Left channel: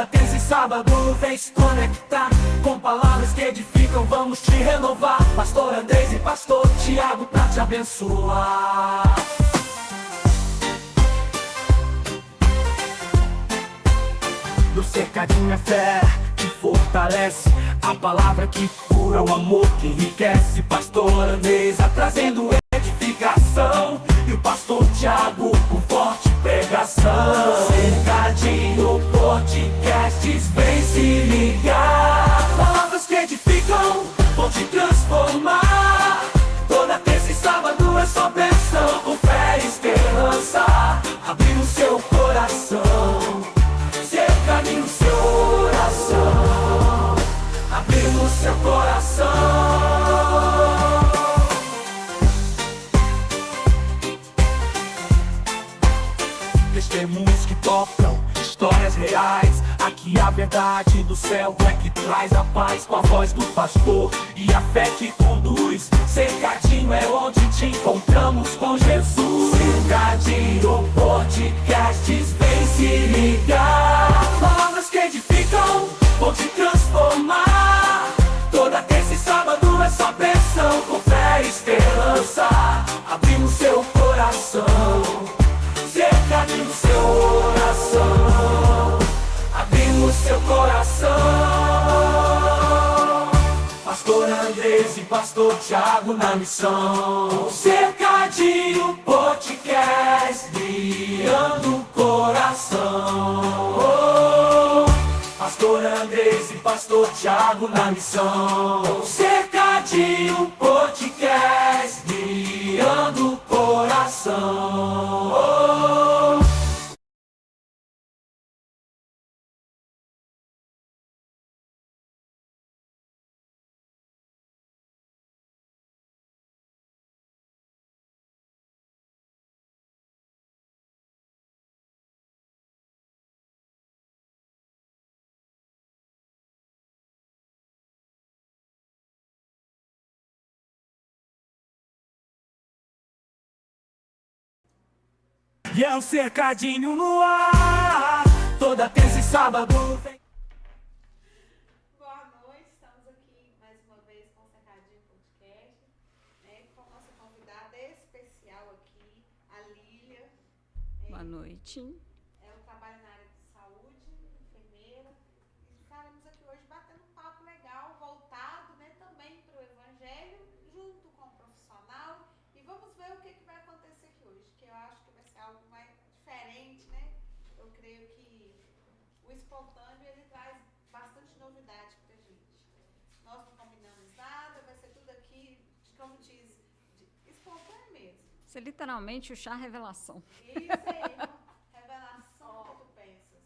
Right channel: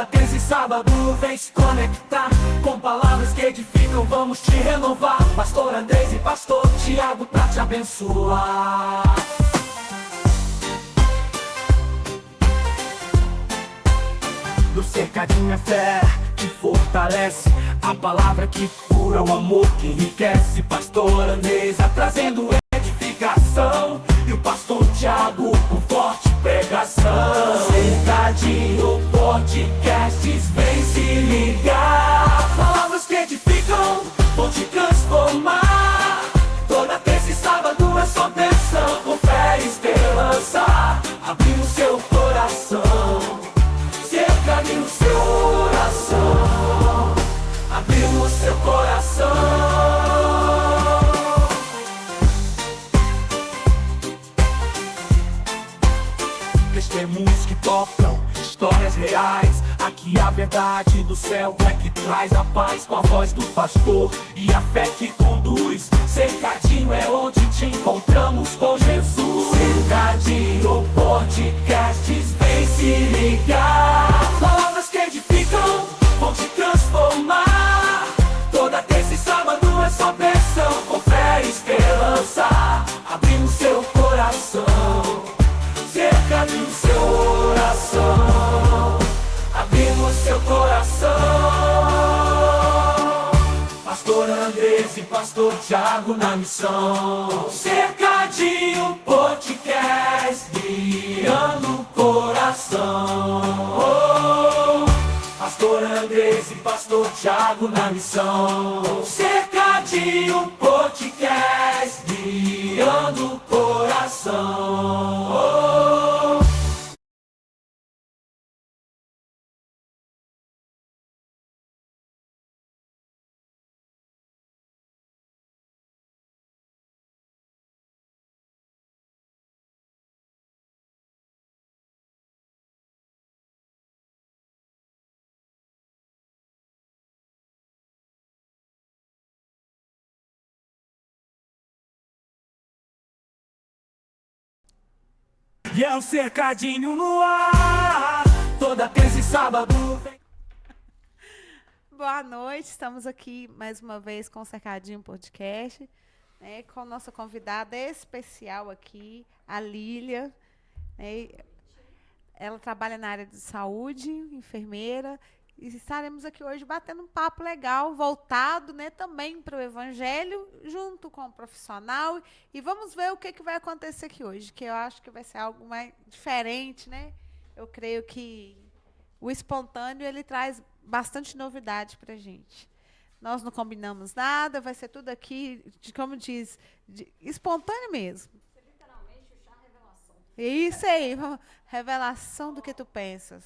Toda terça e sábado vem se conectar com palavras que edificam, vamos te renovar. Pastor Andrés e Pastor Tiago pra te abençoar. No cercadinho é fé que fortalece, a palavra que cura, o amor que enriquece. Pastor Andrés trazendo edificação e o Pastor Tiago com forte pregação. Cercadinho Podcasts, vem se ligar. Palavras que edificam, vão te transformar. Toda terça e sábado é só bênção, com fé e esperança, abrindo seu coração. Cercadinho, seu coração, abrindo seu coração. Testemunhos que tocam, histórias reais. Aqui a verdade do céu é que traz a paz, com a voz do pastor e a fé que conduz. Cercadinho é onde te encontramos com Jesus. Cercadinho Podcasts, vem se ligar. Palavras que edificam, vão te transformar. Toda terça e sábado é só bênção, com fé e esperança, abrindo seu coração. Cercadinho, seu coração, abrindo seu coração. Pastor Andrés e Pastor Tiago na missão. Cercadinho Podcast, guiando o coração. Pastor Andrés e Pastor Tiago na missão. Cercadinho Podcast, guiando o coração. E é um cercadinho no ar, toda terça e sábado vem. Boa noite, estamos aqui mais uma vez com o Cercadinho Podcast, né, com nossa convidada especial aqui, a Lília. Boa noite. Ela trabalha na área de saúde, enfermeira, e estaremos aqui hoje batendo um papo legal, voltado, né, também para o Evangelho, junto com o profissional. E vamos ver o que vai acontecer aqui hoje, que eu acho que vai ser algo mais diferente, né? Eu creio que o espontâneo, ele traz bastante novidade para a gente. Nós não combinamos nada, vai ser tudo aqui, como diz, espontâneo mesmo. Isso é literalmente o chá revelação. Isso aí, revelação do que tu pensas.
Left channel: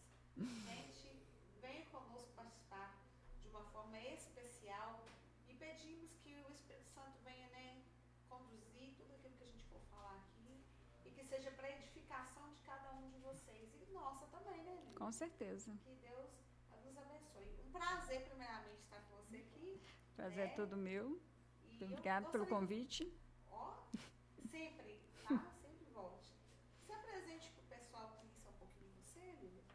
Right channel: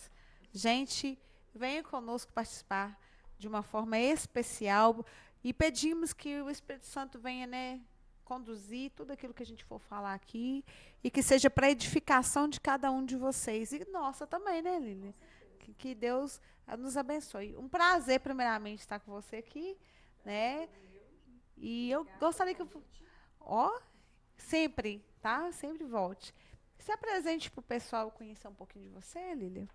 Gente, venha conosco participar de uma forma especial e pedimos que o Espírito Santo venha, né, conduzir tudo aquilo que a gente for falar aqui e que seja para edificação de cada um de vocês e nossa também, né, Lília? Com certeza. Que Deus nos abençoe. Um prazer, primeiramente, estar com você aqui. Prazer né? é todo meu. E Obrigada eu gostaria pelo que convite. sempre, tá? Sempre volte. Se apresente para o pessoal conhecer um pouquinho de você, Lília.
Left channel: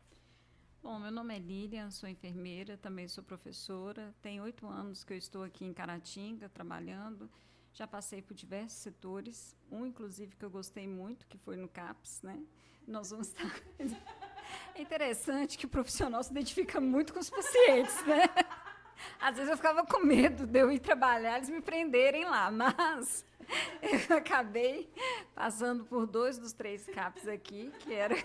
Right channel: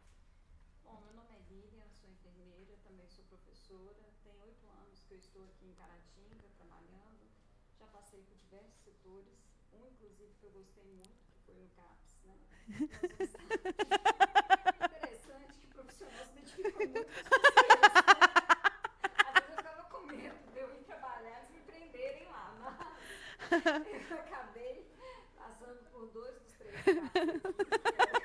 Bom, meu nome é Lília, sou enfermeira, também sou professora. Tem 8 anos que eu estou aqui em Caratinga trabalhando. Já passei por diversos setores, inclusive que eu gostei muito, que foi no CAPS, né? Nós vamos estar... É interessante que o profissional se identifica muito com os pacientes, né? Às vezes eu ficava com medo de eu ir trabalhar, eles me prenderem lá, mas eu acabei passando por 2 dos 3 CAPs aqui, que era...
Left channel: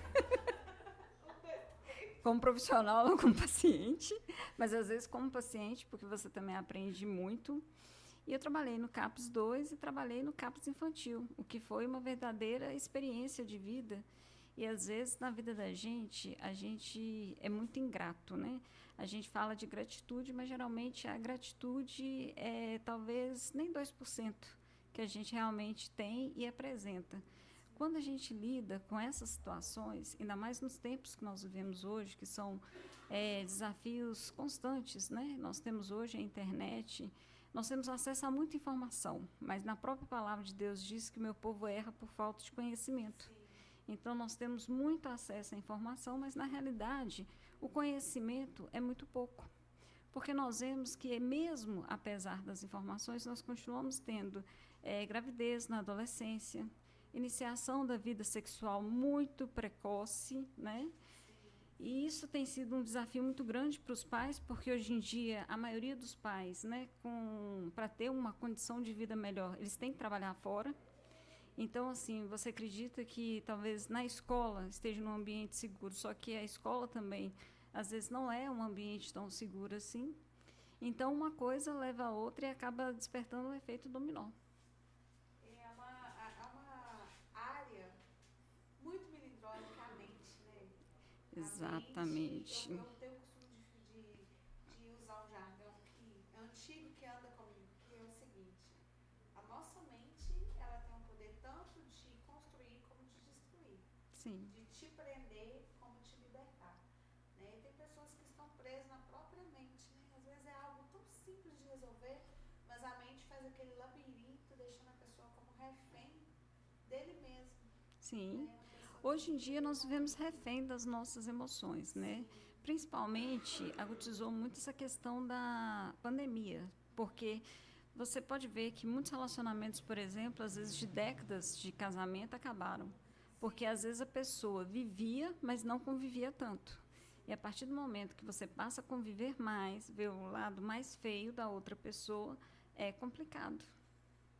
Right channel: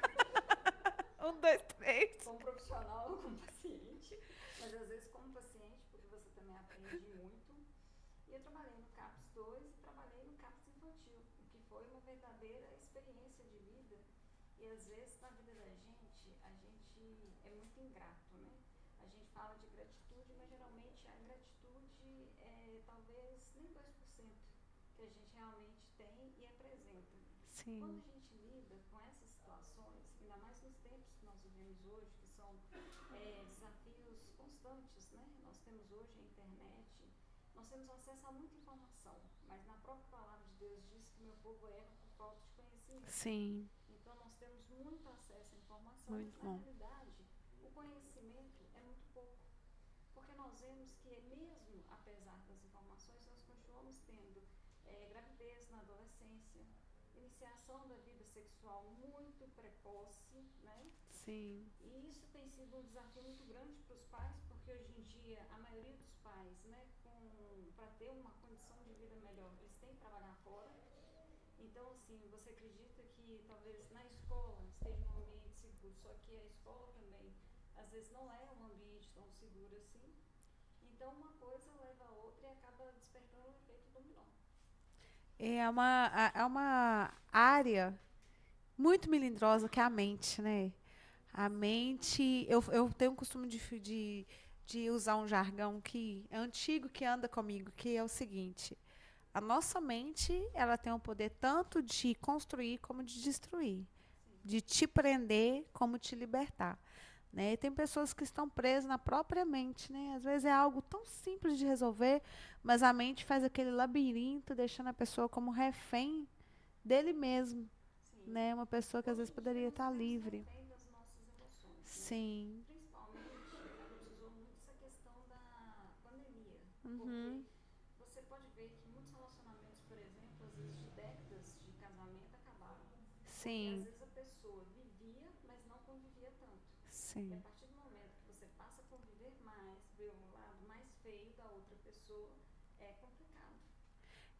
1, 2, 3. Como profissional ou como paciente, mas às vezes como paciente, porque você também aprende muito. E eu trabalhei no CAPS 2 e trabalhei no CAPS infantil, o que foi uma verdadeira experiência de vida. E às vezes na vida da gente, a gente é muito ingrato, né? A gente fala de gratitude, mas geralmente a gratitude é talvez nem 2% que a gente realmente tem e apresenta. Sim. Quando a gente lida com essas situações, ainda mais nos tempos que nós vivemos hoje, que são desafios constantes, né? Nós temos hoje a internet, nós temos acesso a muita informação, mas na própria palavra de Deus diz que o meu povo erra por falta de conhecimento. Sim. Então nós temos muito acesso à informação, Muito mas na bom. realidade o conhecimento é muito pouco. Porque nós vemos que, mesmo apesar das informações, nós continuamos tendo gravidez na adolescência, iniciação da vida sexual muito precoce, né? Sim. E isso tem sido um desafio muito grande para os pais, porque hoje em dia a maioria dos pais, né, para ter uma condição de vida melhor, eles têm que trabalhar fora. Então, assim, você acredita que talvez na escola esteja num ambiente seguro, só que a escola também, às vezes, não é um ambiente tão seguro assim. Então, uma coisa leva a outra e acaba despertando o efeito dominó. É uma área muito melindrosa que é a mente, né? A mente, eu tenho o costume de usar um jargão que é antigo, que anda comigo, que é o seguinte: a nossa mente, ela tem o poder tanto de construir como de destruir. Sim. De te prender como te libertar. Né? E tem pessoas que estão presas na própria mente. Né? Às vezes é algo tão simples de resolver, mas a mente faz aquele labirinto, deixando a pessoa como refém dele mesmo. Sim. Né? Uma pessoa que às vezes poderia estar livre. Hoje em dia nós vivemos refém das nossas emoções, Sim. né? Principalmente, agudizou muito essa questão da pandemia, porque você pode ver que muitos relacionamentos, por exemplo, às vezes de décadas de casamento acabaram. Sim. Porque às vezes a pessoa vivia, mas não convivia tanto. Sim. E a partir do momento que você passa a conviver mais, ver o lado mais feio da outra pessoa, é complicado.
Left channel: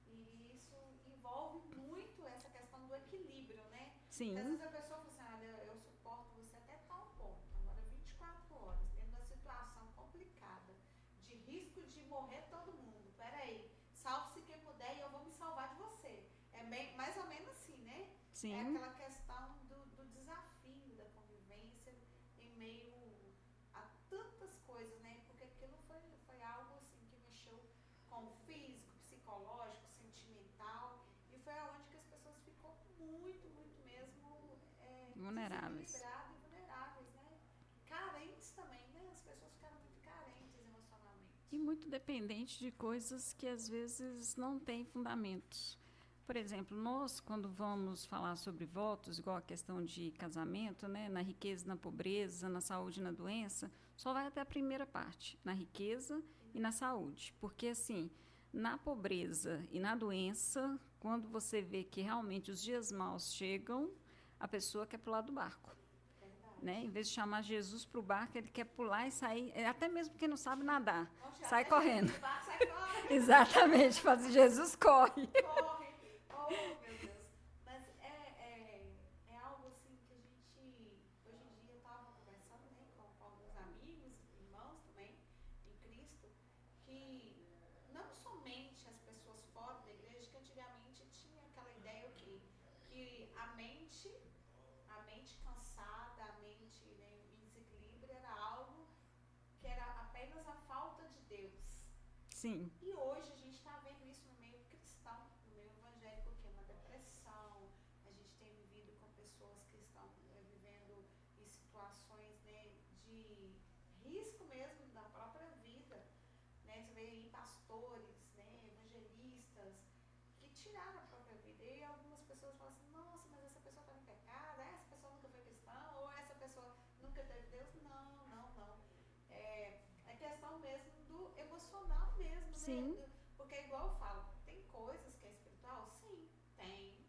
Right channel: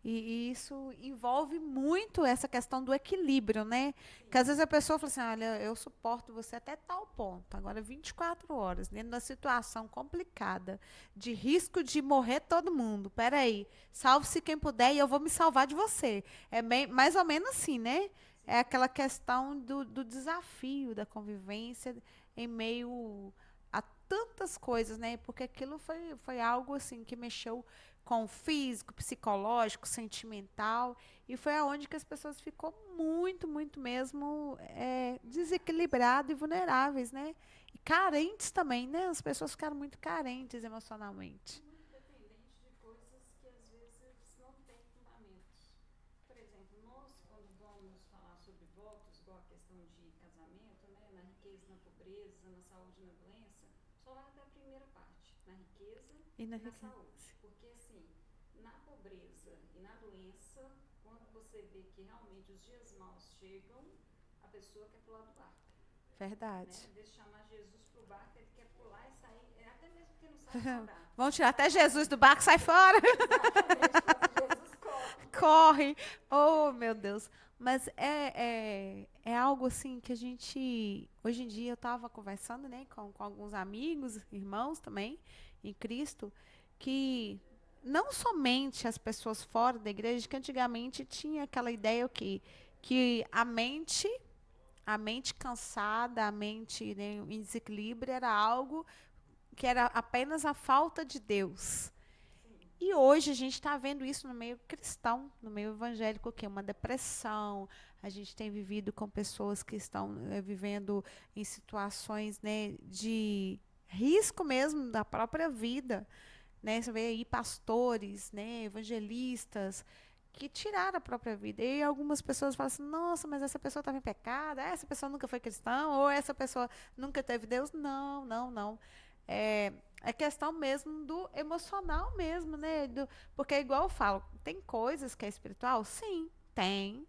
E isso envolve muito essa questão do equilíbrio, né? Sim. Porque às vezes a pessoa fala assim, olha, eu suporto você até tal ponto. Agora, 24 horas, dentro da situação complicada, de risco de morrer todo mundo. Peraí, salve-se quem puder e eu vou me salvar de você. É bem, mais ou menos assim, né? Sim. É aquela questão do desafio da convivência em meio a tantas coisas, né? Porque aquilo foi algo assim que mexeu com o físico, psicológico, sentimental, e foi aonde que as pessoas ficou muito mesmo desequilibradas e vulneráveis, né? E carentes também, né? As pessoas ficaram muito carentes emocionalmente. E muito dependente de coisas que às vezes não têm fundamentos. Por exemplo, nós, quando vamos falar sobre votos, igual a questão de casamento, né, na riqueza, na pobreza, na saúde e na doença, só vai até a primeira parte, na riqueza e na saúde. Porque, assim, na pobreza e na doença, quando você vê que realmente os dias maus chegam, a pessoa quer pular do barco. Verdade. Né? Em vez de chamar Jesus para o barco, ele quer pular e sair, até mesmo porque não sabe nadar. Vamos tirar até correndo. Jesus do barco, sai fora. Exatamente, faz Jesus corre. Corre. Oh, meu Deus. Mas é algo assim que a gente... Hoje em dia eu estava conversando, né, com alguns amigos, irmãos também, em Cristo, que não somente as pessoas fora da igreja, que antigamente tinha aquela ideia que a mente cansada, a mente, né, em desequilíbrio, era algo que era apenas a falta de Deus. Sim. E hoje a gente está vendo isso no meio cristão, no meio evangélico, que é uma depressão. A gente tem vivido com pessoas que estão vivendo em situações, né, de risco mesmo da própria vida. Né? Você vê aí pastores, né, evangelistas, que tiraram a própria vida. E algumas pessoas falam assim, nossa, mas essa pessoa estava em pecado, essa pessoa nunca foi cristã, ou essa pessoa nunca teve Deus. Não. É questão mesmo do emocional mesmo, né? Porque, igual eu falo, tem coisas que é espiritual? Sim, tem.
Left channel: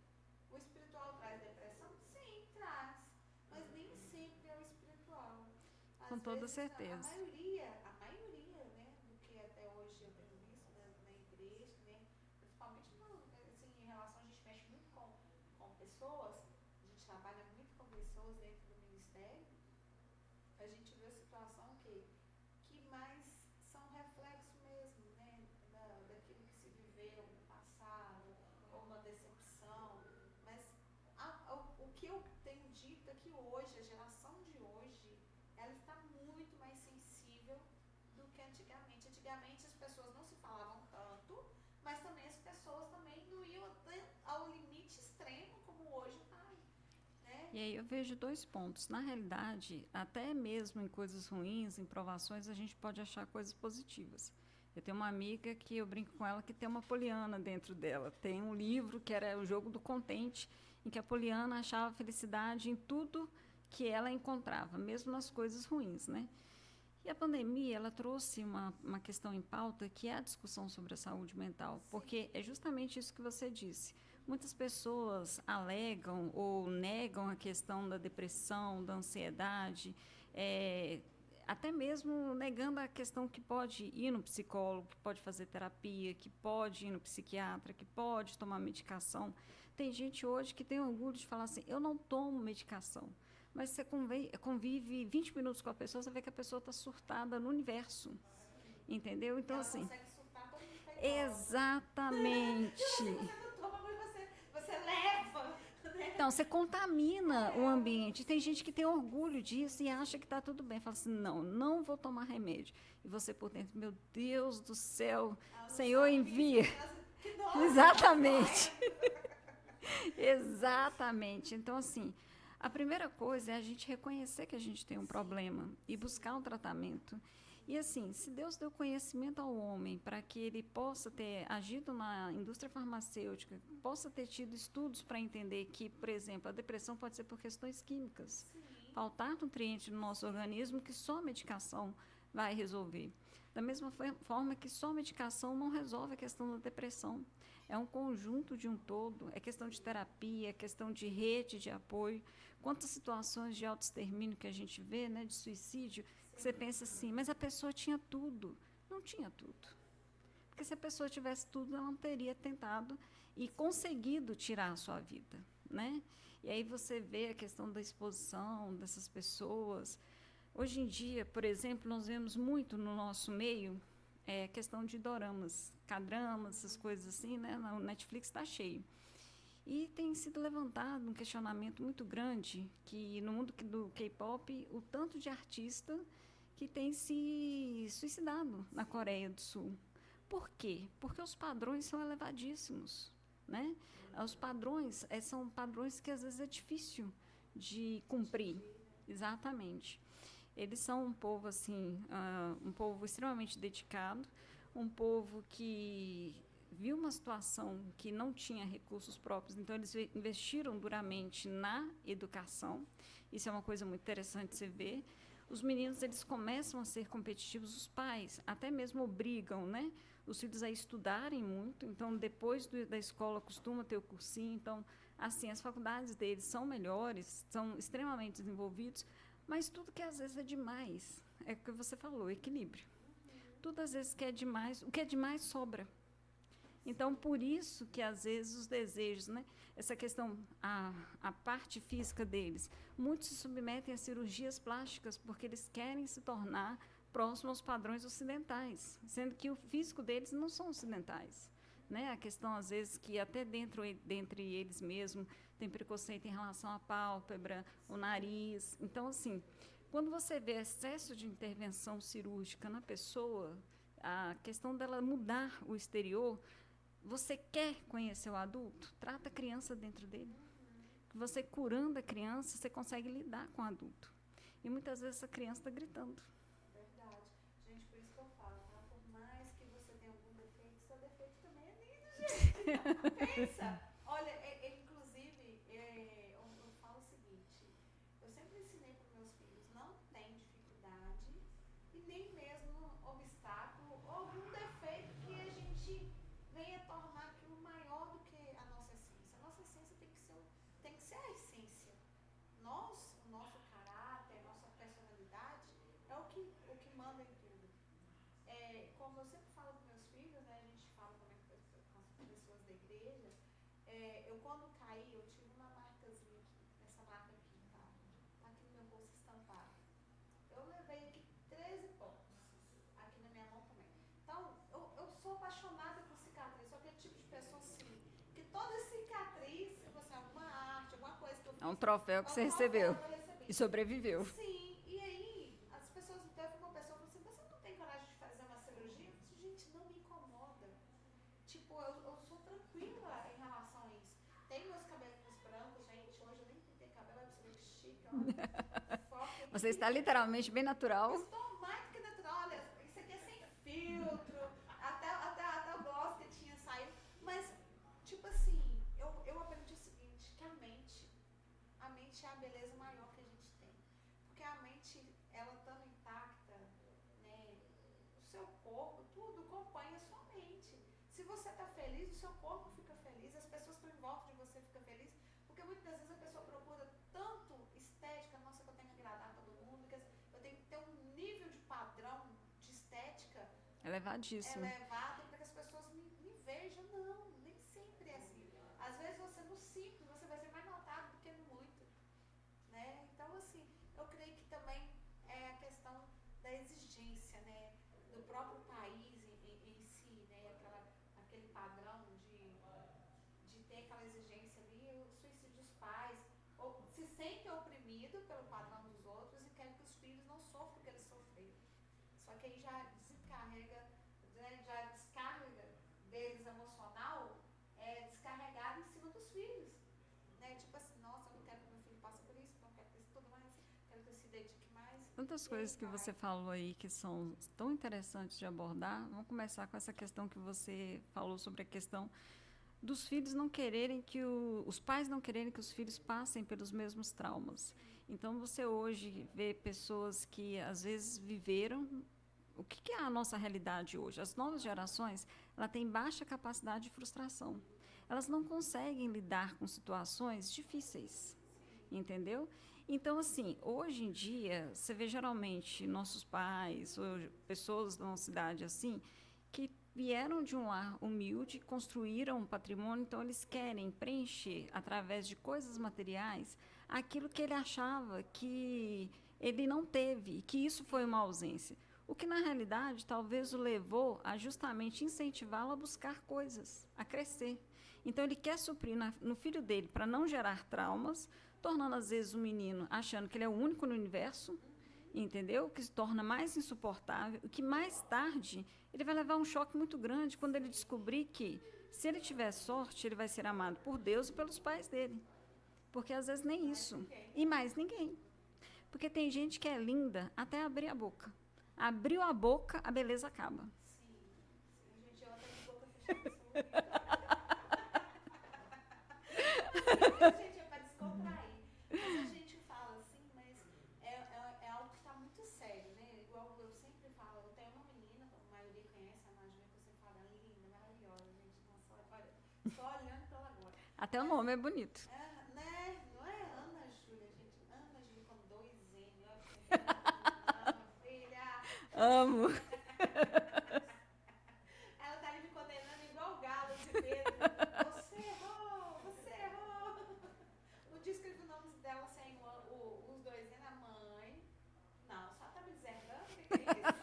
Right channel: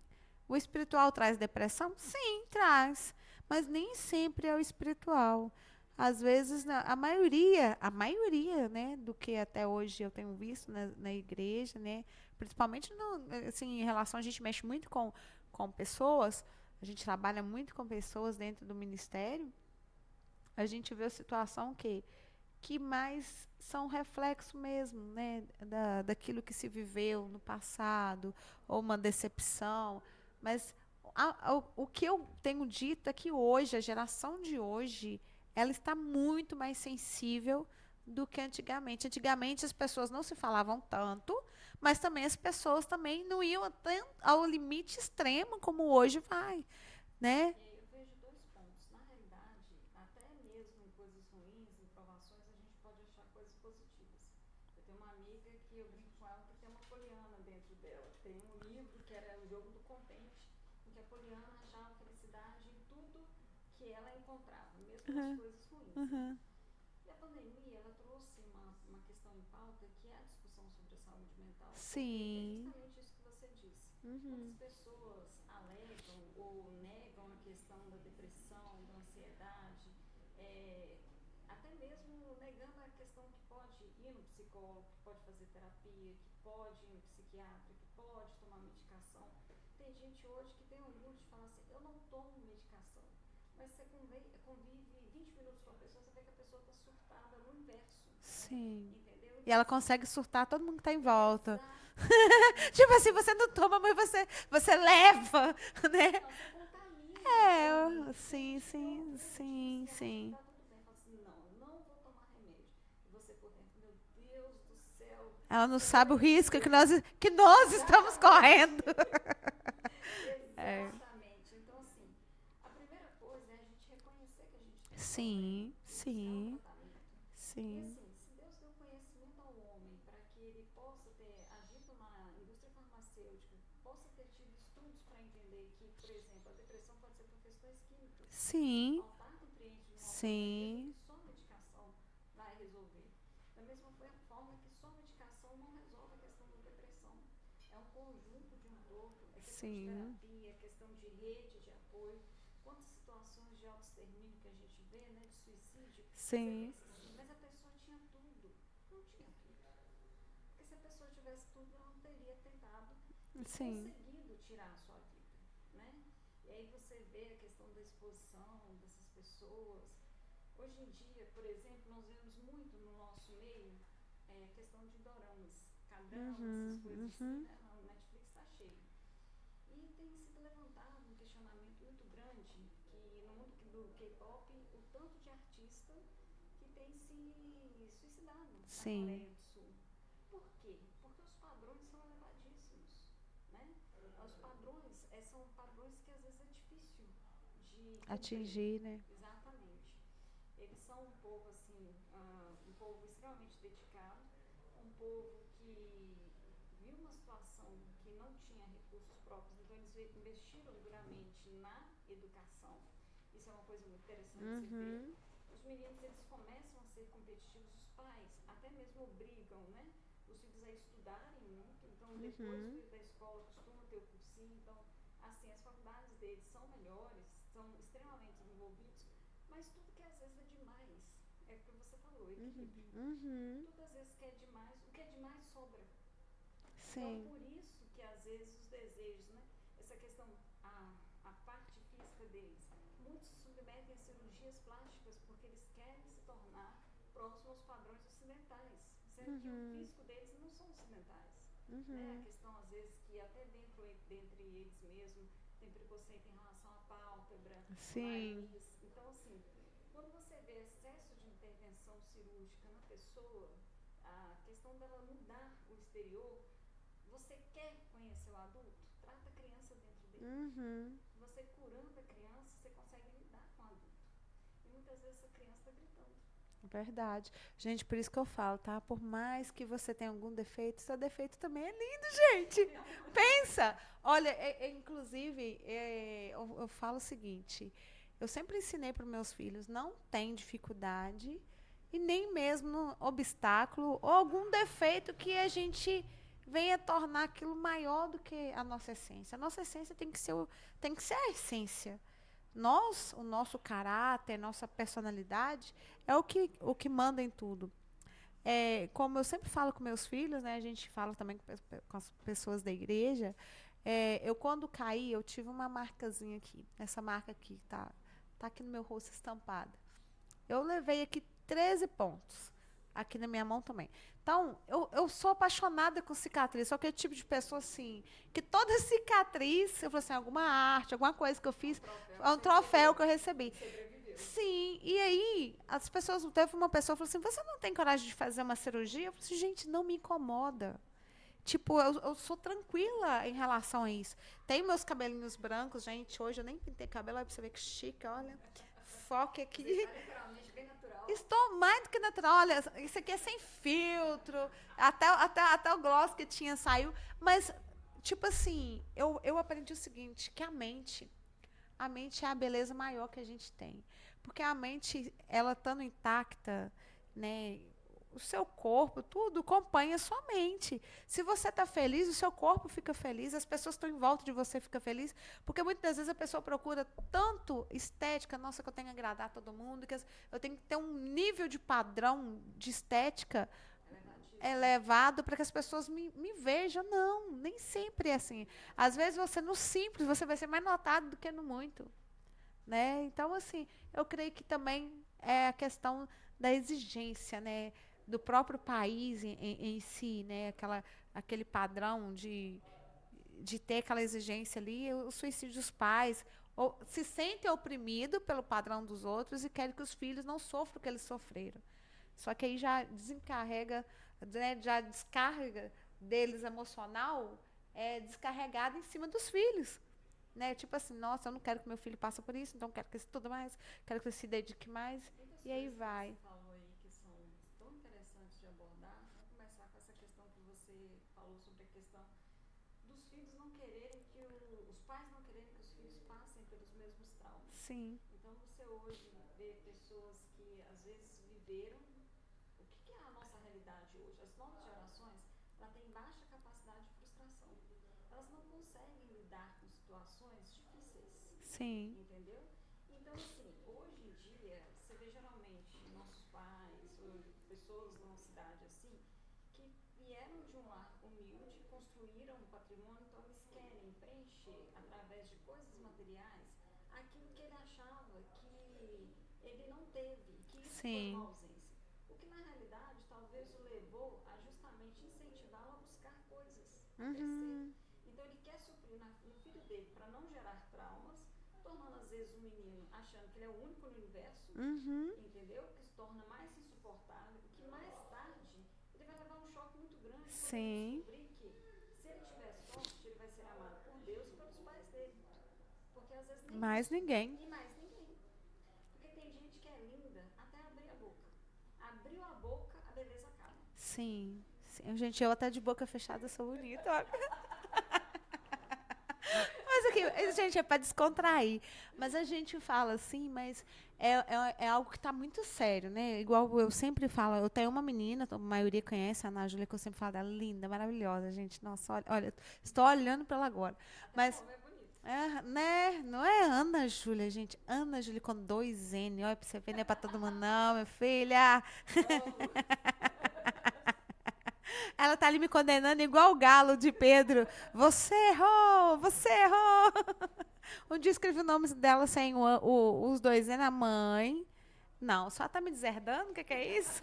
O espiritual traz depressão? Sim, traz. Mas nem sempre é o espiritual. Às vezes, a maioria, né, do que até hoje eu tenho visto na igreja, né? Principalmente assim, em relação, a gente mexe muito com pessoas, a gente trabalha muito com pessoas dentro do ministério, a gente vê a situação que mais são reflexo mesmo, né, daquilo que se viveu no passado, ou uma decepção. Mas o que eu tenho dito é que hoje, a geração de hoje, ela está muito mais sensível do que antigamente. Antigamente as pessoas não se falavam tanto, mas também as pessoas também não iam ao limite extremo como hoje vai. Né? E aí eu vejo 2 pontos. Na realidade, até mesmo em coisas ruins, em provações, a gente pode achar coisas positivas. Eu tenho uma amiga que eu brinco com ela que tem uma Poliana dentro dela. Tem um livro que era o Jogo do Contente, em que a Poliana achava felicidade em tudo que ela encontrava, mesmo nas coisas ruins, né? E a pandemia, ela trouxe uma questão em pauta, que é a discussão sobre a saúde mental. Sim. Porque é justamente isso que você disse. Muitas pessoas alegam ou negam a questão da depressão, da ansiedade, até mesmo negando a questão que pode ir no psicólogo, que pode fazer terapia, que pode ir no psiquiatra, que pode tomar medicação. Tem gente hoje que tem orgulho de falar assim, eu não tomo medicação. Mas você convive 20 minutos com a pessoa, você vê que a pessoa está surtada no universo. Sim. Entendeu? Então, E ela assim, consegue surtar todo mundo que está em volta. Exatamente. Tipo assim, você não toma, mas você leva, né? Então, você contamina o ambiente. Tem sim, gente que tem orgulho disso e acha sim. que está tudo bem. Fala assim, não vou tomar remédio. E você por dentro, meu Deus do céu. Ela não Senhor, sabe o envia. risco que nós estamos Exatamente. correndo. Exatamente. Então, assim, a primeira coisa é a gente reconhecer que a gente tem um problema e buscar um tratamento. Sim. E assim, se Deus deu conhecimento ao homem para que ele possa ter agido na indústria farmacêutica, possa ter tido estudos para entender que, por exemplo, a depressão pode ser por questões químicas. Sim. Faltar nutrientes no nosso organismo que só medicação vai resolver. Da mesma forma que só medicação não resolve a questão da depressão. É um conjunto de um todo, é questão de terapia, é questão de rede de apoio. Quantas situações de autoextermínio que a gente vê, né, de suicídio, você pensa assim, mas a pessoa tinha tudo. Não tinha tudo. Porque se a pessoa tivesse tudo, ela não teria tentado e conseguido tirar a sua vida, né? E aí você vê a questão da exposição dessas pessoas. Hoje em dia, por exemplo, nós vemos muito no nosso meio questão de doramas, K-dramas, essas coisas assim, né? Na Netflix está cheio. E tem sido levantado um questionamento muito grande que no mundo do K-pop, o tanto de artista que tem se suicidado na Coreia do Sul. Por quê? Porque os padrões são elevadíssimos, né? Os padrões são padrões que às vezes é difícil de cumprir. Atingir, né? Exatamente. Eles são um povo assim, um povo extremamente dedicado, um povo que viu uma situação que não tinha recursos próprios, então eles investiram duramente na educação. Isso é uma coisa muito interessante de se ver. Os meninos, eles começam a ser competitivos, os pais até mesmo obrigam, né, os filhos a estudarem muito, então depois da escola costuma ter o cursinho, então assim, as faculdades deles são melhores, são extremamente desenvolvidos, mas tudo que às vezes é demais, é o que você falou, equilíbrio. Tudo às vezes que é demais, o que é demais sobra. Então, por isso que, às vezes, os desejos, né? Essa questão, a parte física deles, muitos se submetem a cirurgias plásticas porque eles querem se tornar próximos aos padrões ocidentais, sendo que o físico deles não são ocidentais. Né? A questão, às vezes, que até dentre eles mesmos tem preconceito em relação à pálpebra, o nariz. Então, assim, quando você vê excesso de intervenção cirúrgica na pessoa, a questão dela mudar o exterior. Você quer conhecer o adulto? Trata a criança dentro dele. Você curando a criança, você consegue lidar com o adulto. E muitas vezes essa criança está gritando. Verdade. Gente, por isso que eu falo, tá? Por mais que você tenha algum defeito, seu defeito também é lindo, gente. Pensa. Olha, inclusive, eu falo o seguinte. Eu sempre ensinei para os meus filhos, não tem dificuldade e nem mesmo obstáculo ou algum defeito que a gente venha tornar aquilo maior do que a nossa essência. A nossa essência tem que ser a essência. O nosso caráter, nossa personalidade é o que manda em tudo. Como eu sempre falo com meus filhos, né, a gente fala também com as pessoas da igreja, eu quando caí, eu tive uma marcazinha aqui. Essa marca aqui tá aqui no meu rosto estampada. Eu levei aqui 13 pontos. Aqui na minha mão também. Então, eu sou apaixonada com cicatriz. Sou aquele tipo de pessoa, assim, que toda cicatriz, eu falo assim, alguma arte, alguma coisa que eu fiz. É um troféu que é um troféu que eu recebi. E sobreviveu. Sim. E aí, as pessoas, teve uma pessoa que falou assim, você não tem coragem de fazer uma cirurgia? Eu falei assim, gente, não me incomoda. Tipo, eu sou tranquila em relação a isso. Tenho meus cabelinhos brancos, gente. Hoje eu nem pintei cabelo, aí pra você ver que chique, olha. Foque aqui. Você está literalmente bem natural. Estou mais do que natural. Olha, isso aqui é sem filtro. Até o gloss que tinha saiu. Mas, tipo assim, eu aprendi o seguinte, que a mente, a mente é a beleza maior que a gente tem. Porque a mente, ela estando intacta, né, o seu corpo, tudo acompanha a sua mente. Se você está feliz, o seu corpo fica feliz, as pessoas que estão em volta de você ficam felizes, porque muitas vezes a pessoa procura tanto estética, nossa, que eu tenho que agradar todo mundo, que eu tenho que ter um nível de padrão de estética Elevadíssimo. elevado para que as pessoas me vejam. Não, nem sempre é assim. Às vezes você, no simples, você vai ser mais notado do que no muito. Né? Então, assim, eu creio que também é a questão da exigência, né, do próprio país em si, né, aquele padrão de ter aquela exigência ali, o suicídio dos pais, ou, se sentem oprimidos pelo padrão dos outros e querem que os filhos não sofram o que eles sofreram. Só que aí já desencarrega, né, já descarga deles emocional, descarregada em cima dos filhos. Né? Tipo assim, nossa, eu não quero que meu filho passe por isso, então quero que ele estude mais, quero que ele se dedique mais. Tantas e coisas que vai. você falou aí que são tão interessantes de abordar. Vamos começar com essa questão que você falou sobre a questão dos filhos não quererem que os pais não quererem que os filhos passem pelos mesmos traumas. Sim. Então você hoje vê pessoas que às vezes viveram. O que é a nossa realidade hoje? As novas gerações, ela tem baixa capacidade de frustração. Elas não conseguem lidar com situações difíceis. Sim. Entendeu? Então, assim, hoje em dia, você vê geralmente nossos pais ou pessoas da nossa cidade assim, que vieram de um lar humilde, construíram um patrimônio, então eles querem preencher, através de coisas materiais, aquilo que ele achava que ele não teve, que isso Sim. foi uma ausência. O que, na realidade, talvez o levou a justamente incentivá-lo a buscar coisas, a crescer. Então, ele quer suprir no filho dele para não gerar traumas, tornando, às vezes, o menino achando que ele é o único no universo, entendeu? Que se torna mais insuportável, que mais tarde ele vai levar um choque muito grande quando ele descobrir que, se ele tiver sorte, ele vai ser amado por Deus e pelos pais dele. Porque, às vezes, nem Mais isso. ninguém. E mais ninguém. Porque tem gente que é linda até abrir a boca. Abriu a boca, a beleza acaba. Sim. Sim. Gente, eu até de boca fechada sou bonita. Mas assim, gente, é para descontrair. Mas a gente fala assim, mas é algo que está muito sério, né? Igual eu sempre falo, eu tenho uma menina, a maioria conhece, a Ana Júlia, que eu sempre falo dela, linda, maravilhosa, gente. Nossa, olha, estou olhando para ela agora. Até o nome é bonito. Né? Não é Ana Júlia, gente. Ana Júlia com 2 N. Olha para você ver, não é para todo mundo, não, minha filha. Amo. Ela tá ali me condenando igual o galo de Pedro. Você errou, você errou. Um dia escrevi o nome dela sem os 2 N, a mãe. Não, só tá me deserdando, o que é isso?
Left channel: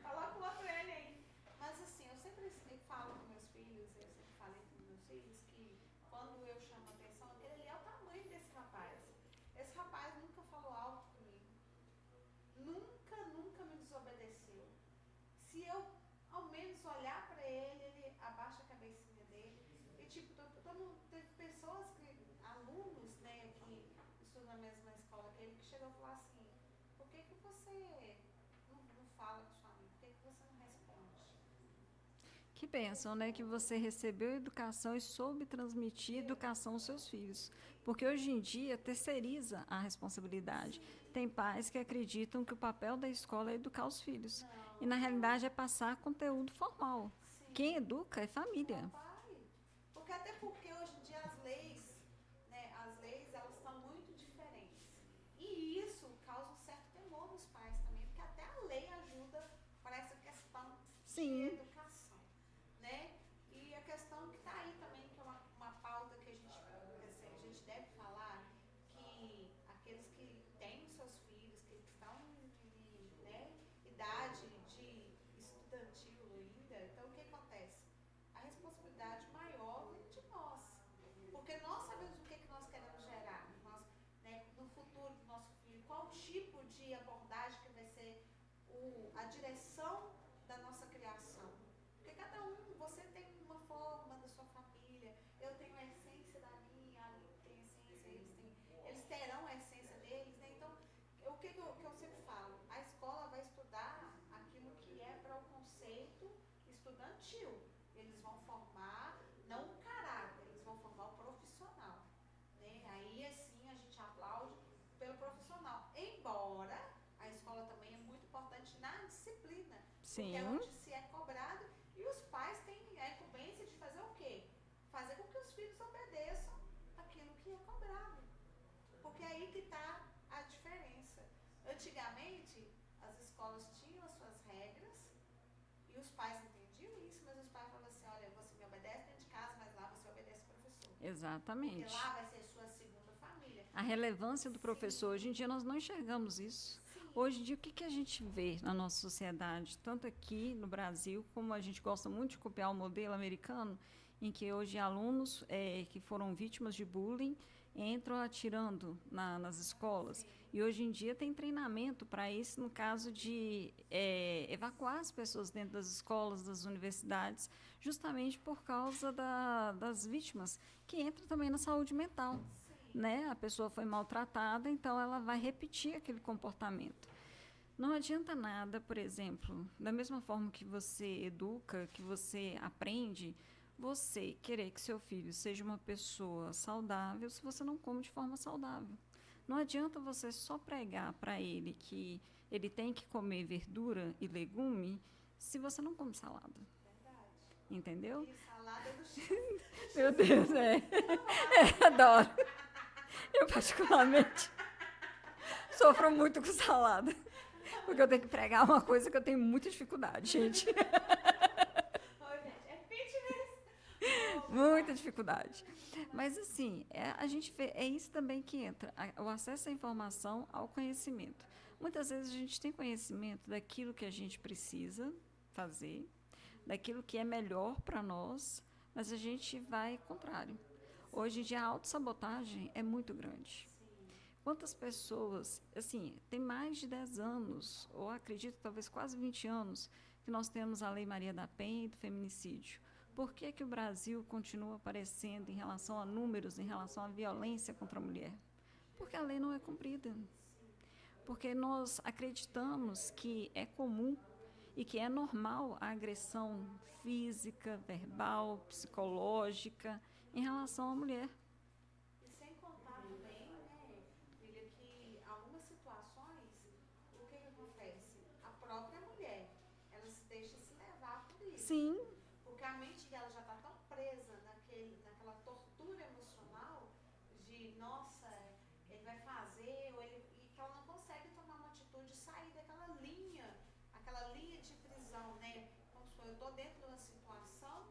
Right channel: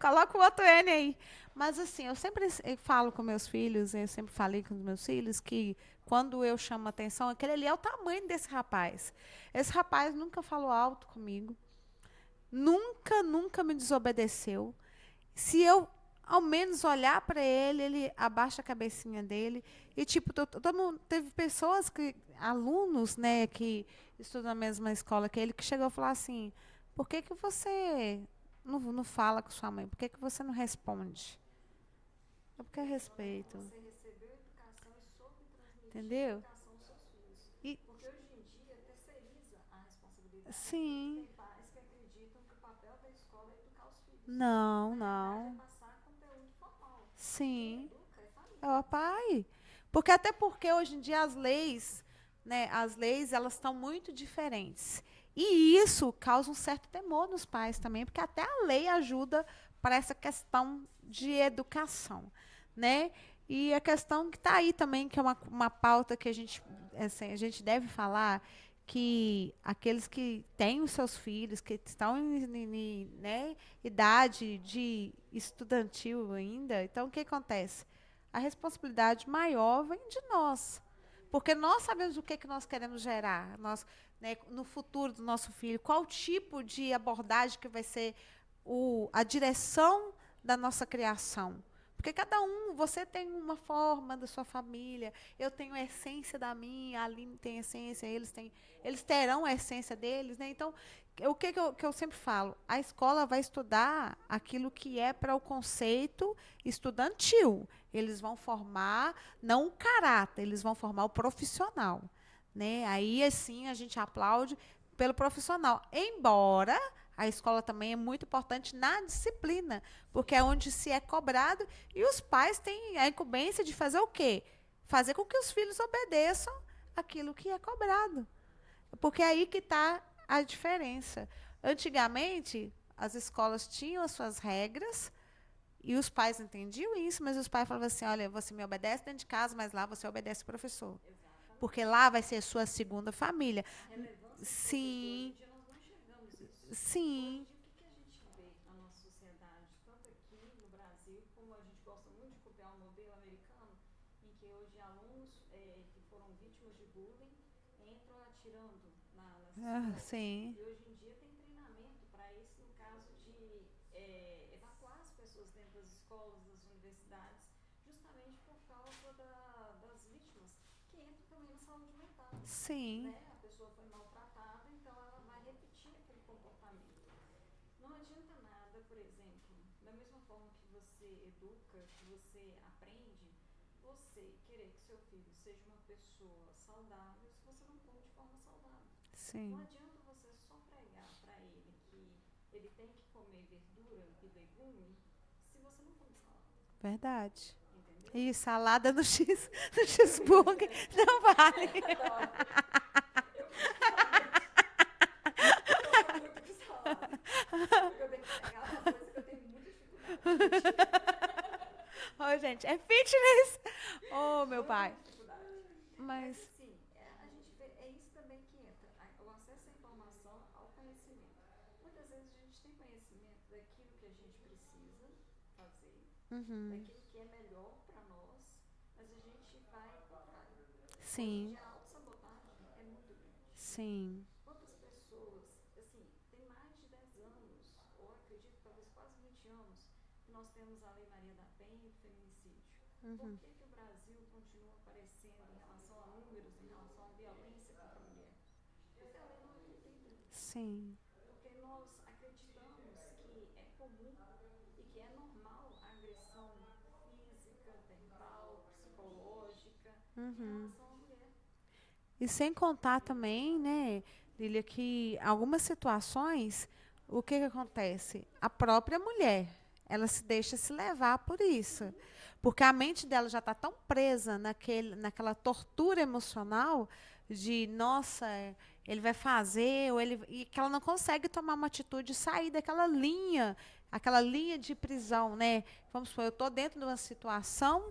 Coloca o outro N aí. Mas assim, eu sempre falo com meus filhos, eu sempre falei com os meus filhos, que quando eu chamo a atenção, aquele ali é o tamanho desse rapaz. Esse rapaz nunca falou alto comigo. Nunca me desobedeceu. Se eu ao menos olhar para ele, ele abaixa a cabecinha dele. E, tipo, teve pessoas, alunos, né, que estudam na mesma escola que ele, que chegou a falar assim, por que você não fala com sua mãe? Por que você não responde? Que pensam, né, que você recebeu educação e soube transmitir educação aos seus filhos. Porque hoje em dia terceiriza a responsabilidade. Sim. Tem pais que acreditam que o papel da escola é educar os filhos. Não, e na realidade é passar conteúdo formal. Sim. Quem educa é família. É o pai. Até porque hoje em dia as leis, né, elas estão muito diferentes. E isso causa um certo temor nos pais também, porque até a lei ajuda para essa questão de educação. Né? E a questão que está aí também, que é uma pauta que a gente deve falar, que aqueles que têm os seus filhos, que estão em né, idade de estudantil ainda, então o que acontece? A responsabilidade maior vem de nós. Porque nós sabemos o que nós queremos gerar né, no futuro do nosso filho, qual tipo de abordagem que vai ser a direção da nossa criação. Porque cada você tem uma forma da sua família, eu tenho a essência da minha, a Aline tem a essência, eles terão a essência deles, né? Então, o que eu sempre falo? A escola vai estudar aquilo que é para o conceito estudantil. Eles vão formar, não o caráter, eles vão formar o profissional. né? Aí, assim, a gente aplaude pelo profissional. Embora a escola também é muito importante na disciplina, porque é Sim. onde se é cobrado e os pais têm a incumbência de fazer o quê? Fazer com que os filhos obedeçam aquilo que é cobrado. Porque é aí que está a diferença. Antigamente, as escolas tinham as suas regras e os pais entendiam isso, mas os pais falavam assim, olha, você me obedece dentro de casa, mas lá você obedece o professor. Exatamente. Porque lá vai ser a sua segunda família. A relevância do Sim. professor, hoje em dia nós não enxergamos isso. Sim. Hoje em dia, o que a gente vê na nossa sociedade, tanto aqui no Brasil, como a gente gosta muito de copiar o modelo americano, em que hoje alunos que foram vítimas de bullying entram atirando nas escolas. Sim. E hoje em dia tem treinamento para isso, no caso de evacuar as pessoas dentro das escolas, das universidades, justamente por causa das vítimas, que entra também na saúde mental. Sim. Né? A pessoa foi maltratada, então ela vai repetir aquele comportamento. Não adianta nada, por exemplo, da mesma forma que você educa, que você aprende, você querer que seu filho seja uma pessoa saudável se você não come de forma saudável. Sim. Não adianta você só pregar para ele que ele tem que comer verdura e legume se você não come salada. Verdade. Entendeu? E salada no cheeseburger. Não vai. Eu adoro. Eu particularmente sofro muito com salada. Porque eu tenho que pregar uma coisa que eu tenho muita dificuldade, gente. Ô, gente, é fitness. Oh, meu pai. Muita dificuldade. Mas assim, a gente vê, é isso também que entra, o acesso à informação, ao conhecimento. Muitas vezes a gente tem conhecimento daquilo que a gente precisa fazer, daquilo que é melhor para nós, mas a gente vai contrário. Sim. Hoje em dia a autossabotagem é muito grande. Sim. Quantas pessoas, assim, tem mais de 10 anos, ou acredito talvez quase 20 anos, que nós temos a Lei Maria da Penha e do feminicídio. Por que o Brasil continua aparecendo em relação a números, em relação à violência contra a mulher? Porque a lei não é cumprida. Sim. Porque nós acreditamos que é comum e que é normal a agressão física, verbal, psicológica em relação à mulher. E sem contar também, né, Lília, que algumas situações, o que acontece? A própria mulher, ela se deixa se levar por isso. Sim. Porque a mente dela já está tão presa naquela tortura emocional de, nossa, ele vai fazer, e que ela não consegue tomar uma atitude e sair daquela linha, aquela linha de prisão, né? Vamos supor, eu estou dentro de uma situação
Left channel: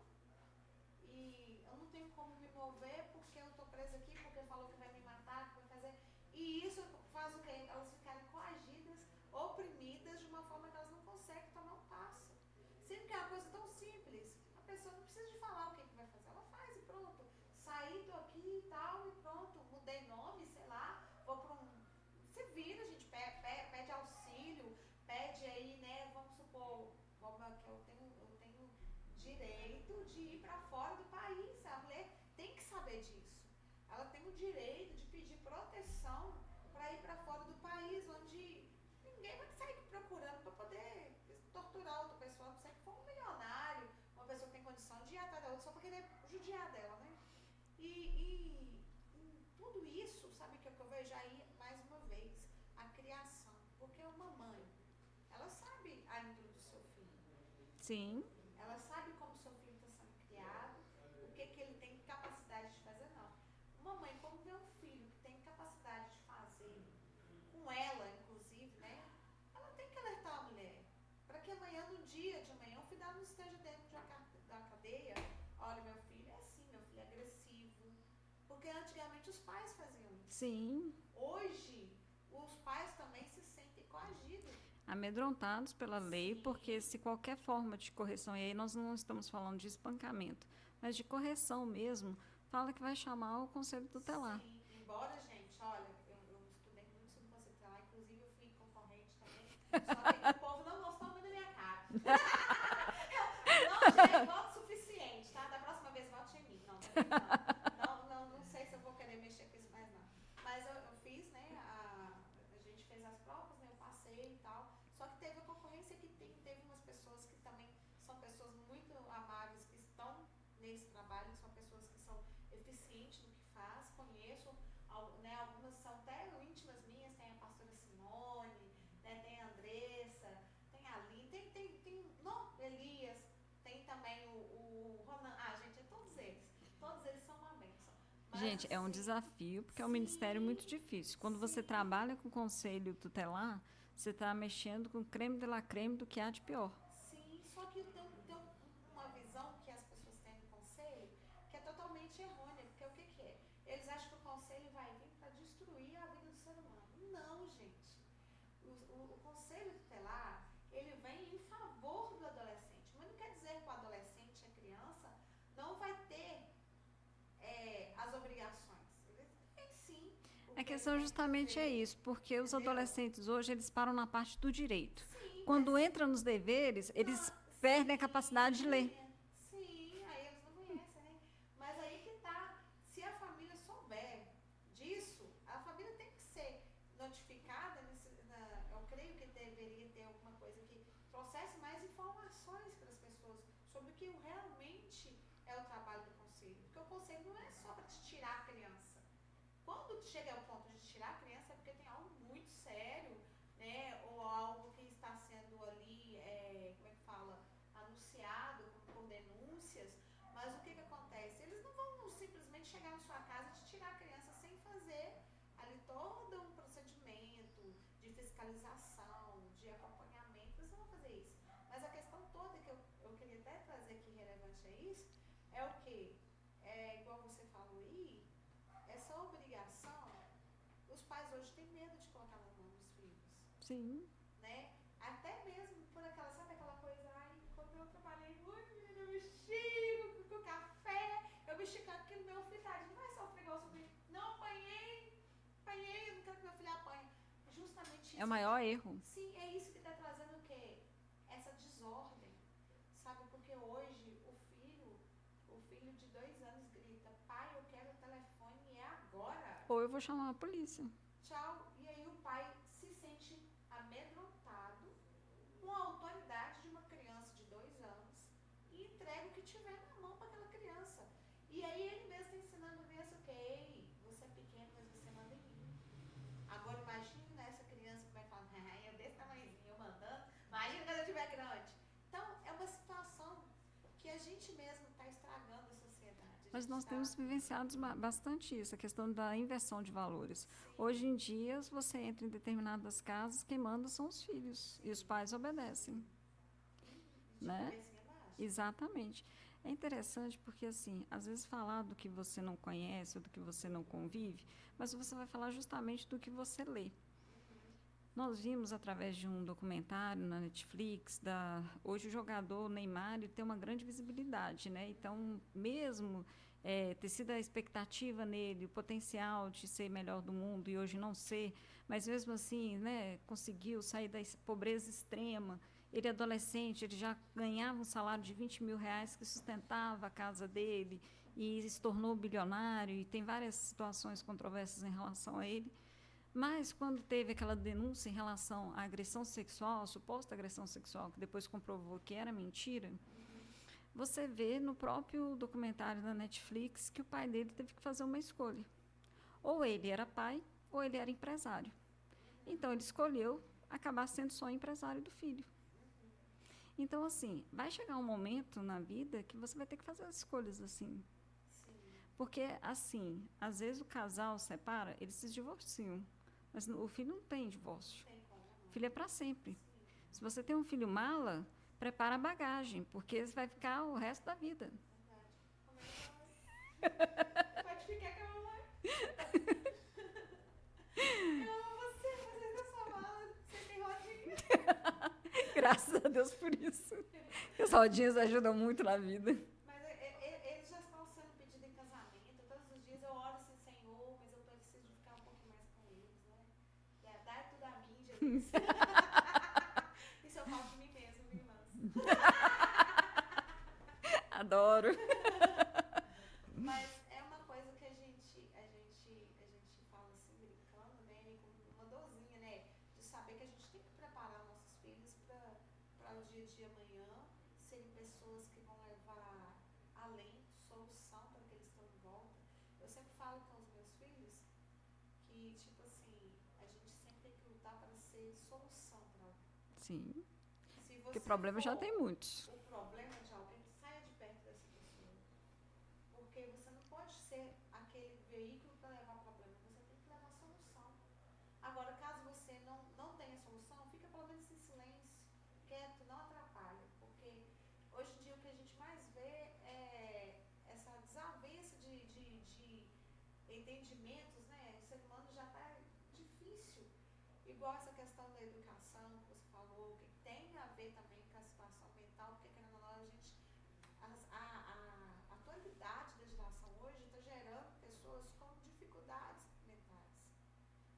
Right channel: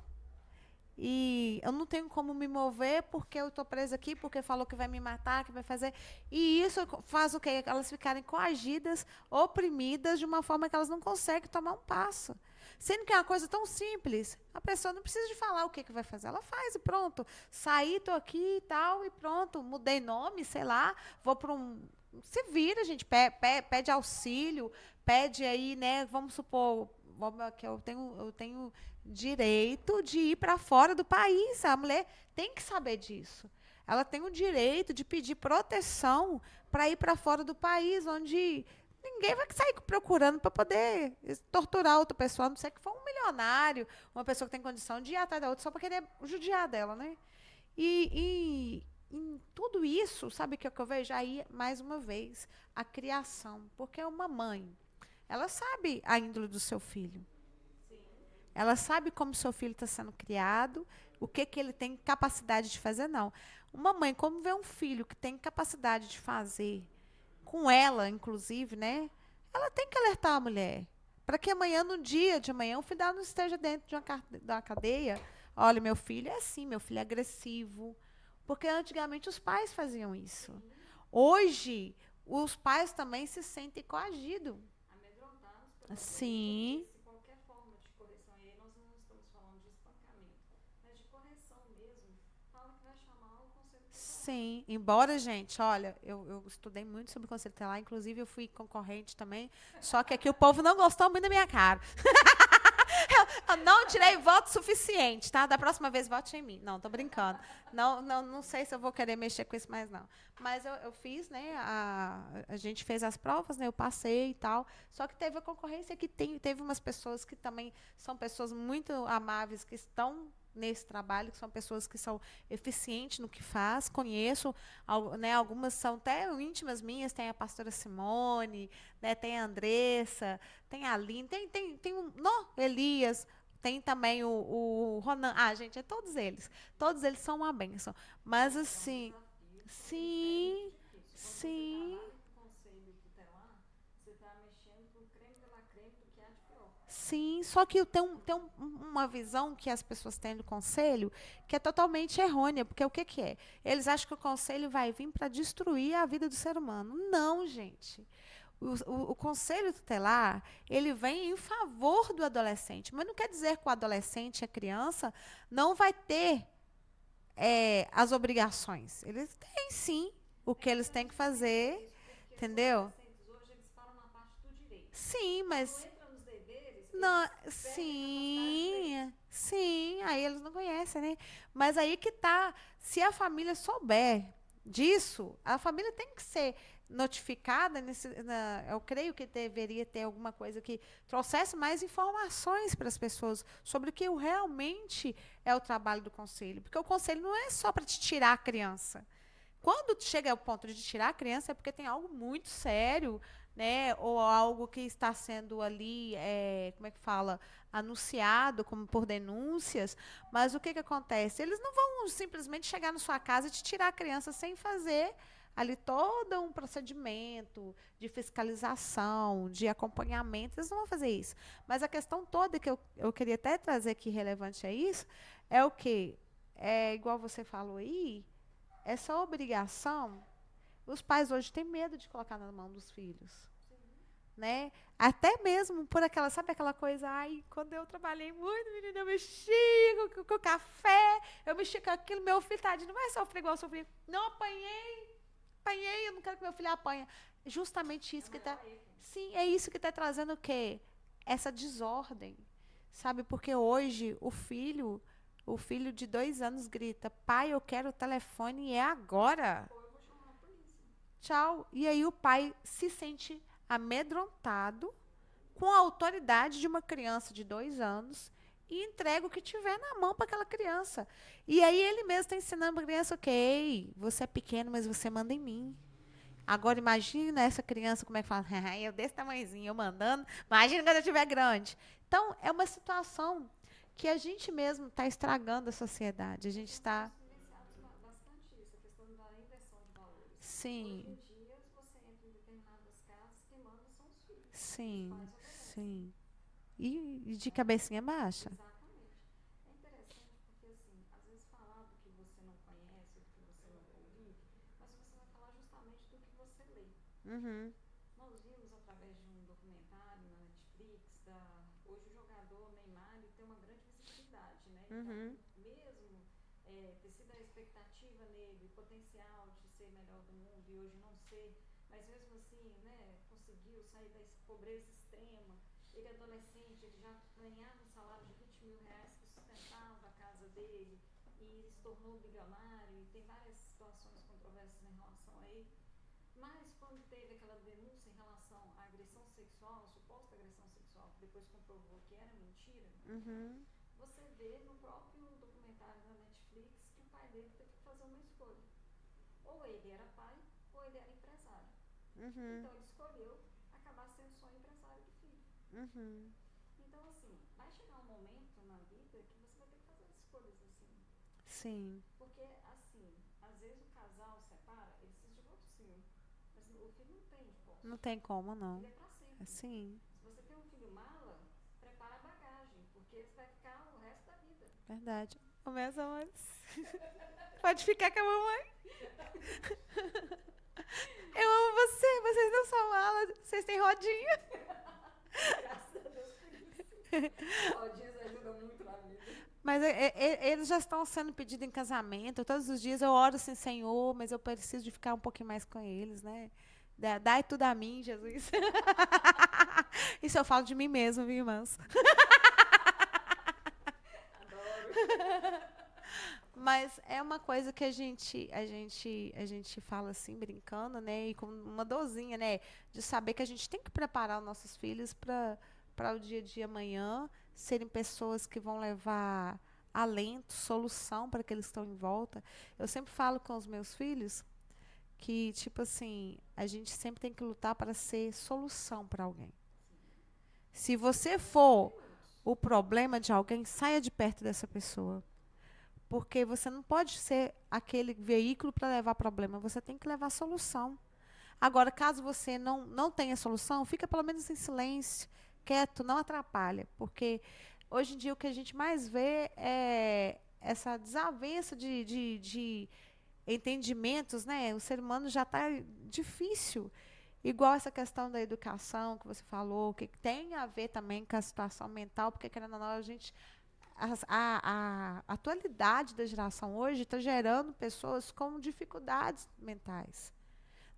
e eu não tenho como me mover porque eu estou presa aqui, porque falou que vai me matar, que vai fazer. E isso faz o quê? Elas ficarem coagidas, oprimidas, de uma forma que elas não conseguem tomar um passo. Sendo que é uma coisa tão simples, a pessoa não precisa de falar o que vai fazer, ela faz e pronto. Saí, estou aqui e tal, e pronto, mudei nome, sei lá, vou para um... Se vira, gente, pede auxílio, pede aí, né, vamos supor, que eu tenho direito de ir para fora do país, a mulher tem que saber disso. Ela tem o direito de pedir proteção para ir para fora do país, onde... Ninguém vai sair procurando para poder torturar outra pessoa, a não ser que for um milionário, uma pessoa que tem condição de ir atrás da outra só para querer judiar dela, né? E em tudo isso, sabe o que eu vejo? Aí, mais uma vez, a criação. Porque uma mãe, ela sabe a índole do seu filho. Sim. Ela sabe como o seu filho está sendo criado, o que ele tem capacidade de fazer, não. Uma mãe, como vê um filho que tem capacidade de fazer, com ela, inclusive, né? Ela tem que alertar a mulher. Para que amanhã, no dia de amanhã, o filho dela não esteja dentro de uma cadeia. Olha, meu filho é assim, meu filho é agressivo. Porque antigamente os pais faziam isso. Sim. Hoje, os pais também se sentem coagidos. Amedrontados pela lei, Sim. porque se qualquer forma de correção, e aí nós não estamos falando de espancamento, mas de correção mesmo, fala que vai chamar o Conselho Tutelar. Sim, embora, gente, olha, eu estudei muito sobre o Conselho Tutelar, inclusive eu fui concorrente também, só que aqui o povo não gostou muito da minha cara. Eu não tirei voto suficiente, tá? Da próxima vez, vote em mim. Não, tô brincando. Não sei se eu vou querer mexer com isso mais, não. Mas eu fiz, né? A gente fez as provas, né? Eu passei e tal. Só que teve a concorrência que teve umas pessoas que também são pessoas muito amáveis, que estão nesse trabalho, que são pessoas que são eficientes no que faz. Conheço, né, algumas são até íntimas minhas, tem a pastora Simone, né, tem a Andressa, tem a Aline, tem um, não, Elias, tem também o Ronan. Ah, gente, é todos eles. Todos eles são uma bênção. Mas, Gente, é um assim, desafio, porque é um sim, ministério muito difícil. Quando você sim. trabalha com conselho tutelar, você está mexendo com creme de la creme do que há de pior. Sim, só que uma visão que as pessoas têm do conselho que é totalmente errônea, porque o que, que é? Eles acham que o conselho vai vir para destruir a vida do ser humano. Não, gente. O conselho tutelar, ele vem em favor do adolescente, mas não quer dizer que o adolescente e a criança não vai ter as obrigações. Eles têm, sim, o que eles têm que fazer. É isso, porque entendeu? os adolescentes hoje, eles param na parte do direito. Sim, Quando mas entra nos deveres, não, eles perdem a capacidade de ler. Sim, aí eles não conhecem, né? Mas aí que tá, se a família souber disso, a família tem que ser notificada eu creio que deveria ter alguma coisa que trouxesse mais informações para as pessoas sobre o que realmente é o trabalho do conselho, porque o conselho não é só para te tirar a criança. Quando chega ao ponto de tirar a criança é porque tem algo muito sério, né? Ou algo que está sendo ali, como é que fala, anunciado como por denúncias. Mas o que acontece? Eles não vão simplesmente chegar na sua casa e te tirar a criança sem fazer ali todo um procedimento de fiscalização, de acompanhamento. Eles não vão fazer isso. Mas a questão toda que eu queria até trazer aqui relevante a isso é o quê? É igual você falou aí, essa obrigação, os pais hoje têm medo de colocar na mão dos filhos. Sim. Né? Até mesmo por aquela, sabe aquela coisa, ai, quando eu trabalhei muito, menina, eu mexia com café, eu mexia com aquilo, meu filho, tadinho, não vai sofrer igual eu sofri. Não, apanhei, eu não quero que meu filho apanhe. Justamente isso. É o maior erro. Sim, é isso que está trazendo o quê? Essa desordem, sabe? Porque hoje o filho de 2 anos grita, pai, eu quero o telefone e é agora. Ou eu vou chamar a polícia. Tchau. E aí o pai se sente amedrontado com a autoridade de uma criança de 2 anos e entrega o que tiver na mão para aquela criança. E aí ele mesmo está ensinando para a criança, ok, você é pequeno, mas você manda em mim. Agora imagina essa criança como é que fala, eu desse tamanhozinho, eu mandando, imagina quando eu estiver grande. Então, é uma situação que a gente mesmo está estragando a sociedade. Mas nós temos vivenciado bastante isso, a questão da inversão de valores. Sim. Hoje em dia, se você entra em determinadas casas, quem manda são os filhos. Sim, e os pais obedecem. Sim. E de cabecinha baixa. Exatamente. É interessante porque, assim, às vezes falar do que você não conhece ou do que você não convive, mas você vai falar justamente do que você lê. Uhum. Nós vimos através de um documentário na Netflix, hoje o jogador Neymar tem uma grande visibilidade, né? Então, mesmo ter sido a expectativa nele, o potencial de ser melhor do mundo e hoje não ser, mas mesmo assim, né, conseguiu sair da pobreza extrema. Ele adolescente, ele já ganhava um salário de R$20 mil que sustentava a casa dele e se tornou bilionário e tem várias situações controversas em relação a ele. Mas quando teve aquela denúncia em relação à agressão sexual, a suposta agressão sexual, que depois comprovou que era mentira, você vê no próprio documentário da Netflix que o pai dele teve que fazer uma escolha. Ou ele era pai, ou ele era empresário. Então, ele escolheu acabar sendo só empresário do filho. Então, assim, vai chegar um momento na vida que você vai ter que fazer as escolhas assim. Sim. Porque, assim, às vezes o casal separa, eles se divorciam. Mas o filho não tem divórcio. Não tem como, não. O filho é para sempre. Sim. Se você tem um filho mala, prepara a bagagem, porque você vai ficar o resto da vida. Verdade. Ô, meus amores. Pode ficar com a mamãe. Eu amo vocês não são mala, vocês têm rodinha. Graças a Deus por isso. As rodinhas ajudam muito na vida. Mas eles já estão sendo pedidos em casamento. Todos os dias eu oro assim, Senhor, mas eu preciso de ficar um pouquinho mais com eles, né? Dai tudo a mim, Jesus. Isso eu falo de mim mesmo, viu, irmãs? Adoro. Mas é uma coisa que a gente fala assim, brincando, né? E com uma dorzinha, né? De saber que a gente tem que preparar os nossos filhos para o dia de amanhã serem pessoas que vão levar alento, solução para aqueles que estão em volta. Eu sempre falo com os meus filhos que, tipo assim, a gente sempre tem que lutar para ser solução para alguém. Sim. Se Porque você problema já for tem muitos. o problema de alguém, saia de perto dessa pessoa. Porque você não pode ser aquele veículo para levar problema, você tem que levar solução. Agora, caso você não tenha solução, fica pelo menos em silêncio, quieto, não atrapalha. Porque hoje em dia o que a gente mais vê é essa desavença de entendimentos, né? O ser humano já está difícil. Igual essa questão da educação que você falou, que tem a ver também com a situação mental, porque querendo ou não, a gente a atualidade da geração hoje está gerando pessoas com dificuldades mentais.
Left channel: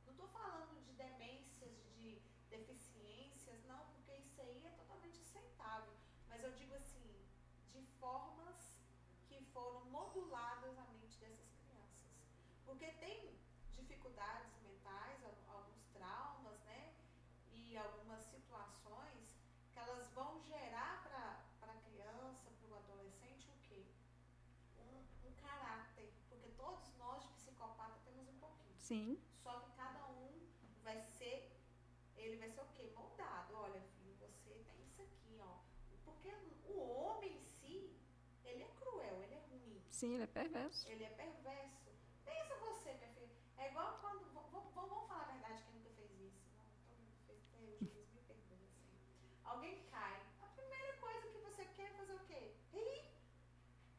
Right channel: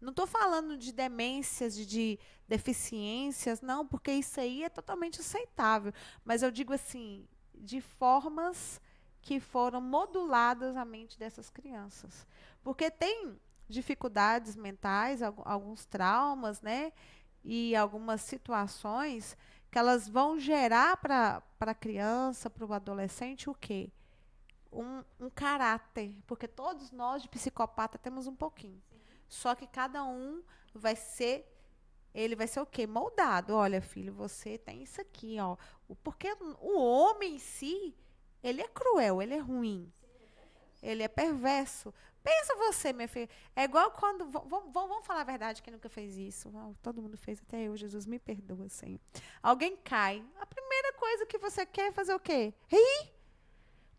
Não estou falando de demências, de deficiências, não, porque isso aí é totalmente aceitável. Mas eu digo assim, de formas que foram moduladas à mente dessas crianças. Porque tem dificuldades mentais, alguns traumas, né? E algumas situações que elas vão gerar para a criança, para o adolescente, o quê? Um caráter, porque todos nós de psicopata temos um pouquinho. Sim. Só que cada um ele vai ser o quê? Moldado. Olha, filho, você tem isso aqui, ó. Porque o homem em si, ele é cruel, ele é ruim. Sim, ele é perverso. Ele é perverso. Pensa você, minha filha. É igual quando. Vamos falar a verdade, quem nunca fez isso? Todo mundo fez, até eu, Jesus, me perdoa, Senhor. Alguém cai. A primeira coisa que você quer é fazer o quê? Rir.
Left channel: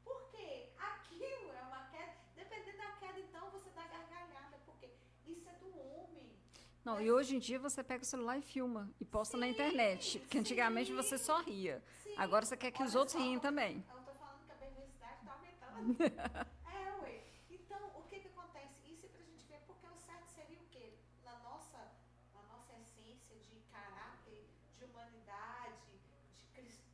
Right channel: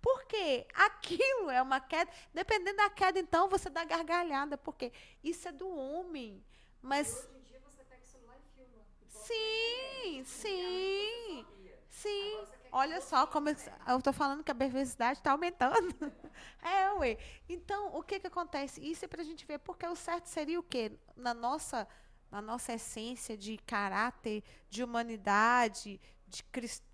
Porque aquilo é uma queda. Dependendo da queda, então, você dá gargalhada. Porque isso é do homem. Não, Mas e hoje em dia você pega o celular e filma e posta na sim, internet. Que antigamente você só ria. Sim. Agora você quer que os Olha outros só riem como também. eu tô falando que a perversidade está aumentando. Ué. Então, o que acontece? Isso é pra gente ver, porque o certo seria o quê? Na nossa essência de caráter, de humanidade, de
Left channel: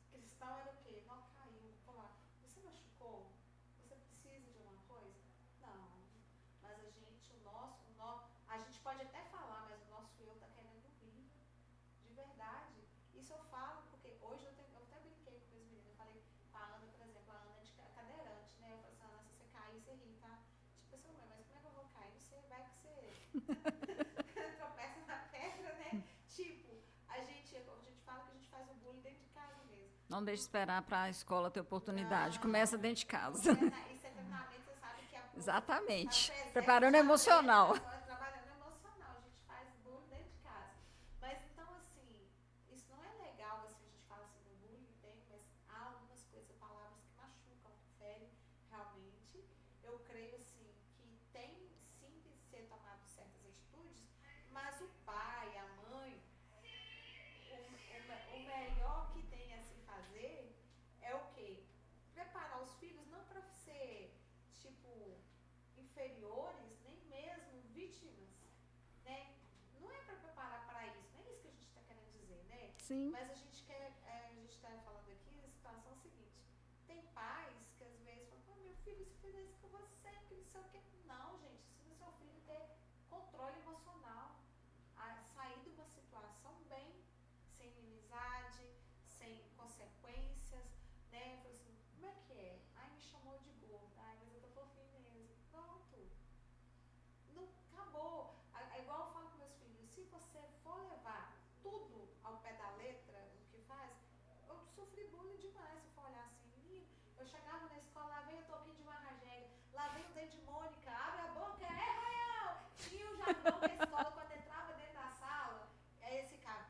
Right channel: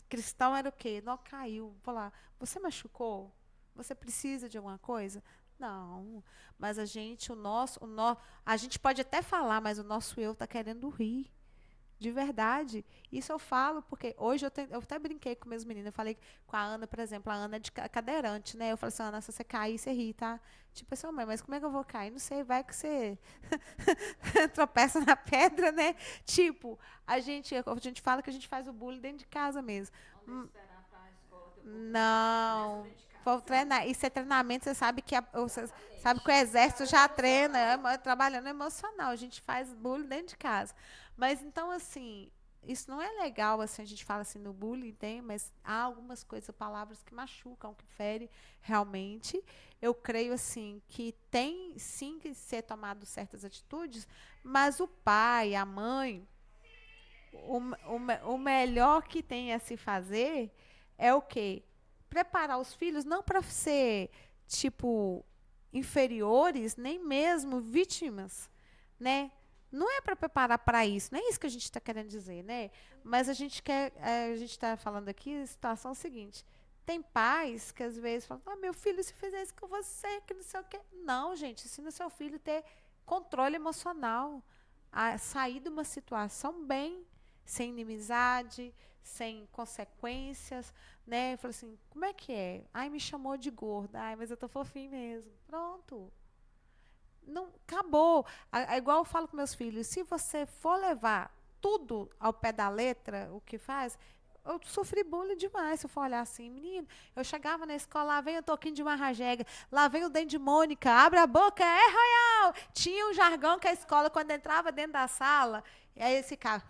cristão era o quê? Não caiu. Vou lá. Você machucou? Você precisa de alguma coisa? Não. Mas a gente pode até falar, mas o nosso eu está querendo rir. De verdade. Isso eu falo porque hoje eu até brinquei com meus meninos. Eu falei com a Ana, por exemplo. A Ana é de cadeirante, né? Eu falei assim, Ana, se você cair, você ri, tá? Tipo assim, mãe, mas como é que eu vou cair? Não sei, vai que você tropeça na pedra, né? Tipo, a gente fala que a gente faz o bullying dentro de casa mesmo. Não deixe esperar para a escola ter oportunidade. Não. Começa dentro de casa. Isso é treinamento, você sabe que Exatamente. sabe que o exército Preparando já emocional. treina, trabalhando emocional. A gente faz bullying dentro de casa. Mas então, assim, isso não é legal, assim, a gente fala assim no bullying, tem, mas há algumas coisas, palavras que machucam, que ferem realmente. Eu creio, assim, que tem sim que ser tomado certas atitudes, mas o pai, a mãe, o melhor que tem a se fazer é o quê? Preparar os filhos não para ser, tipo, inferiores, nem mesmo vítimas, né? Não é para preparar para isso, não é isso que a gente está querendo dizer, né? Sim. Mas a gente está falando aqui a situação seguinte. Tem pais que às vezes falam, meu filho, se fizer isso com você, que não sei o quê. Não, gente, ensina seu filho a ter controle emocional, a sair de uma situação bem, sem inimizade, sem consequências, né? Eu falo assim, como é que é? Ai, me chamou de gorda. Ai, mas eu tô fofinho mesmo. Pronto. Não, acabou. É igual eu falo com meus filhos, se você for levar tudo ao pé da letra, o que faz, eu sofri bullying demais, se eu for olhar assim, menino, eu chegava na escola, lá vem o Toquinho de Marrajega, lá vem o Dente de Mônica, abre a boca, é Royal! Tinha um jargão que a escola, quando entrava dentro da sala, e aí esse cara,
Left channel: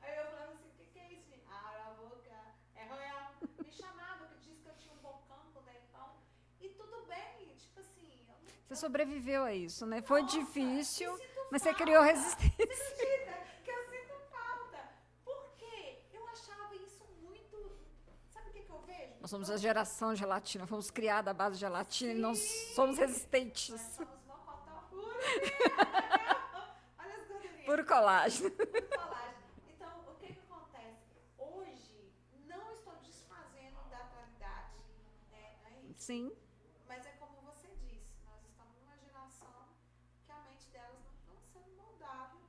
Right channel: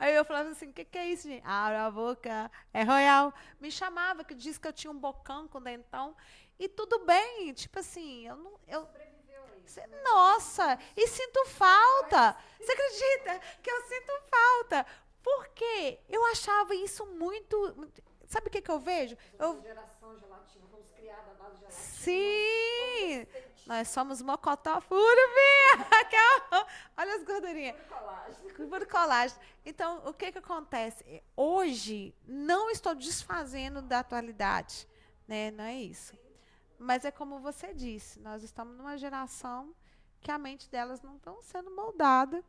aí eu falava assim, o que é isso, gente? Abre a boca, é Royal. Me chamava, que disse que eu tinha um bocão com dentão, e tudo bem, tipo assim, Você sobreviveu a isso, né? Nossa, foi difícil. e sinto mas falta. Você criou resistência. Você acredita que eu sinto falta? Porque eu achava isso muito. Sabe o que eu vejo? Nós somos a geração gelatina, fomos criados à base de gelatina, Sim, nós somos resistentes. Nós somos mocotó puro, filha. Olha as gordurinhas. Puro colágeno. Puro colágeno. Então, o que acontece? Hoje, não estou desfazendo da atualidade, né? Não é isso. Sim. Mas é como você disse, nós estamos numa geração que a mente delas não estão sendo moldada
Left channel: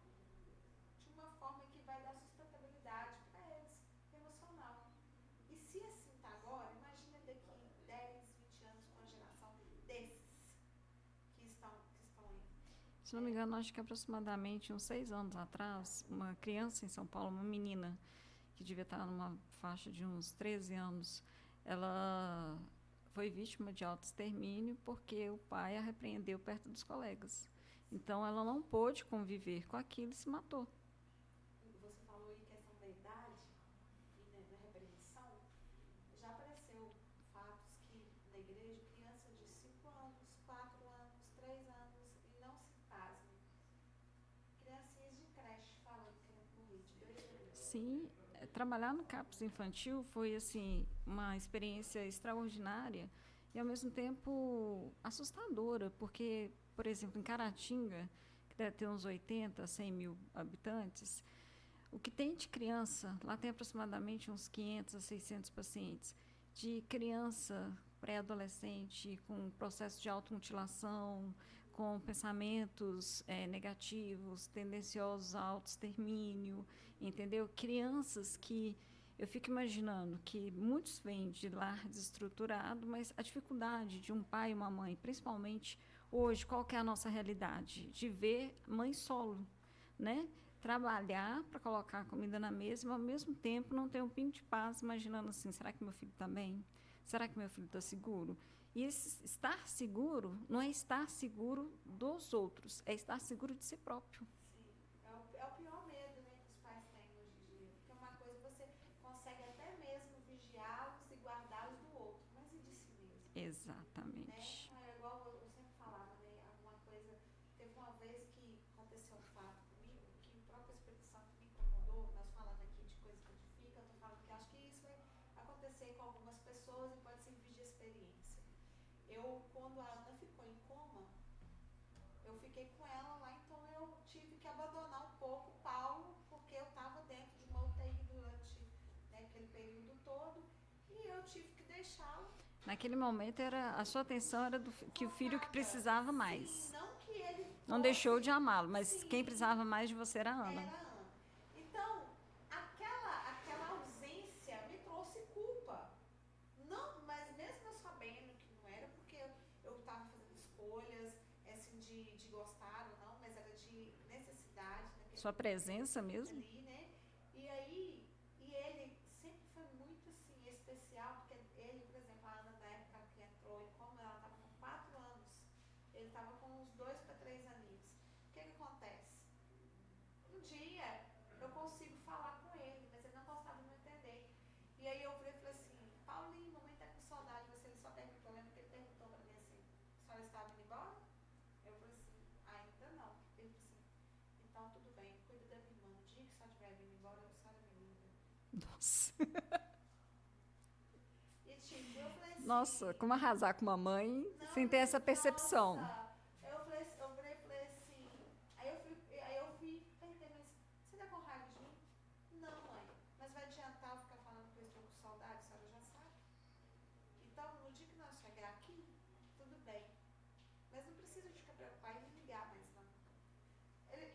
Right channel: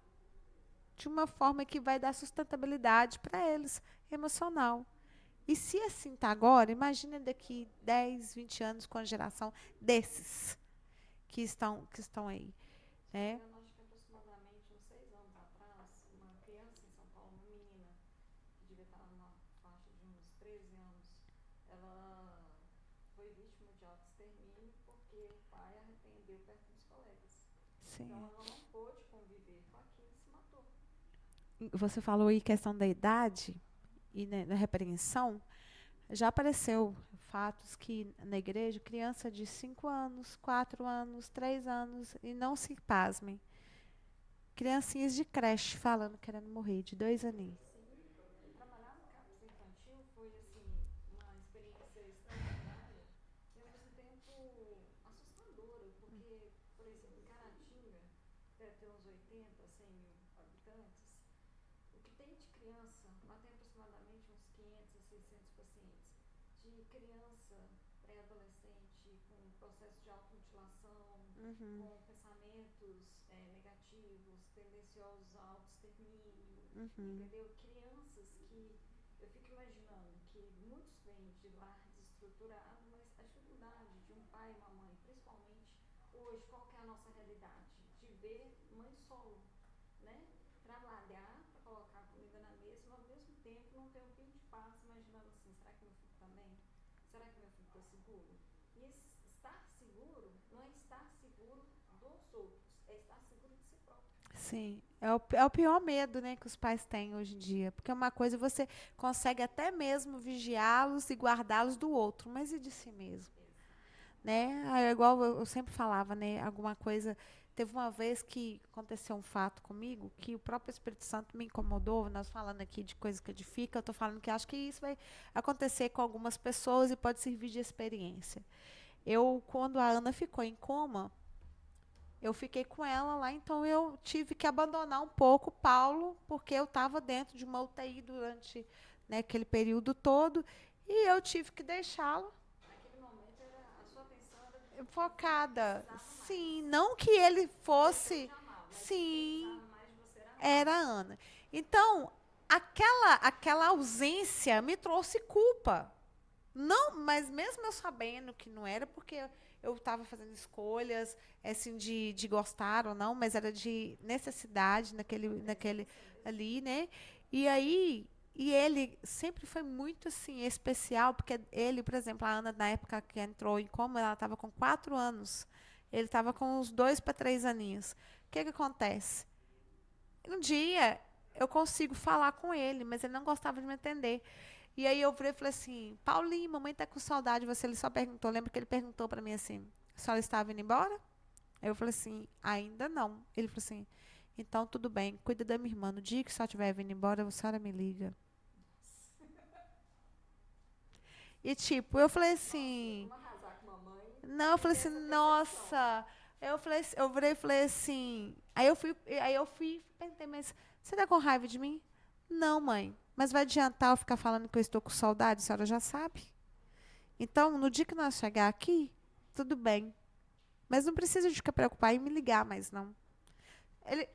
de uma forma que vai dar sustentabilidade para eles, emocional. E se assim está agora, imagina daqui 10, 20 anos com a geração desses que estão aí. Se eu não me engano, acho que aproximadamente uns 6 anos atrás, uma criança em São Paulo, uma menina, que devia estar numa faixa de uns 13 anos, ela foi vítima de autoextermínio porque o pai a repreendeu perto dos colegas. Sim. Então, ela não pôde conviver com aquilo e se matou. Você falou aí questão da idade e na repreensão. Já apareceu fatos que na igreja, criança de 5 anos, 4 anos, 3 anos, e não se pasmem, criancinhas de creche falando, querendo morrer, de 2 aninhos. Sim, trabalhar no CAPS infantil foi assim uma experiência extraordinária e ao mesmo tempo assustadora, porque, por exemplo, em Caratinga, que deve ter uns 80, 100 mil habitantes, o que tem de criança, lá tem aproximadamente uns 500 a 600 pacientes, de criança pré-adolescente com processo de automutilação, com pensamentos negativos, tendenciosos ao autoextermínio, entendeu? Crianças que eu fico imaginando que muitos vêm de lar desestruturado, mas a dificuldade de um pai e uma mãe, principalmente hoje, qual que é a nossa realidade? De ver mãe solo, né? Trabalhar para colocar a comida na mesa, mas ao mesmo tempo não ter um pingo de paz, imaginando assim, será que meu filho está bem? Será que meu filho está seguro? E esse estar seguro não é estar seguro dos outros, é estar seguro de si próprio. Sim, é o pior medo, né, que os pais têm hoje em dia, porque uma coisa você consegue até mesmo vigiá-los e guardá-los do outro, mas e de si mesmo? Exatamente. Né? É igual eu sempre falava, né, alguma coisa. Teve uma vez que aconteceu um fato comigo que o próprio Espírito Santo me incomodou. Nós falando aqui de coisa que edifica, eu estou falando que acho que isso vai acontecer com algumas pessoas e pode servir de experiência. Quando a Ana ficou em coma, eu fiquei com ela lá, então eu tive que abandonar um pouco o Paulo, porque eu estava dentro de uma UTI durante, né, aquele período todo, e eu tive que deixá-lo. Naquele momento, a sua atenção era do que o filho que precisava mais. Sim, não que ele fosse... Não deixou de amá-lo, mas sim, quem precisava mais de você era a Ana. Era a Ana. Então, aquela ausência me trouxe culpa. Não, mas mesmo eu sabendo que não era, porque eu estava fazendo escolhas, assim, de gostar ou não, mas era de necessidade naquele mesmo? Ali, né? E aí... E ele sempre foi muito, assim, especial, porque ele, por exemplo, a Ana, na época que entrou em coma, ela estava com 4 anos. Ele estava com uns 2 para 3 aninhos. O que acontece? Um dia, eu consigo falar com ele, mas ele não gostava de me atender. E aí eu falei assim, Paulinho, mamãe está com saudade de você. Ele só perguntou, lembra que ele perguntou para mim assim, a senhora estava indo embora? Aí eu falei assim, ainda não. Ele falou assim, então tudo bem, cuida da minha irmã. No dia que a senhora estiver vindo embora, a senhora me liga. Nossa. E tipo, eu falei assim... Nossa, como arrasar com uma mãe? Não, eu falei assim, essa percepção. nossa... Eu virei e falei assim... Aí eu fui, pensei, mas você tá com raiva de mim? Não, mãe. Mas vai adiantar eu ficar falando que eu estou com saudade? A senhora já sabe. Então, no dia que nós chegar aqui, tudo bem. Mas não precisa de ficar preocupado em me ligar mais, não. Ele...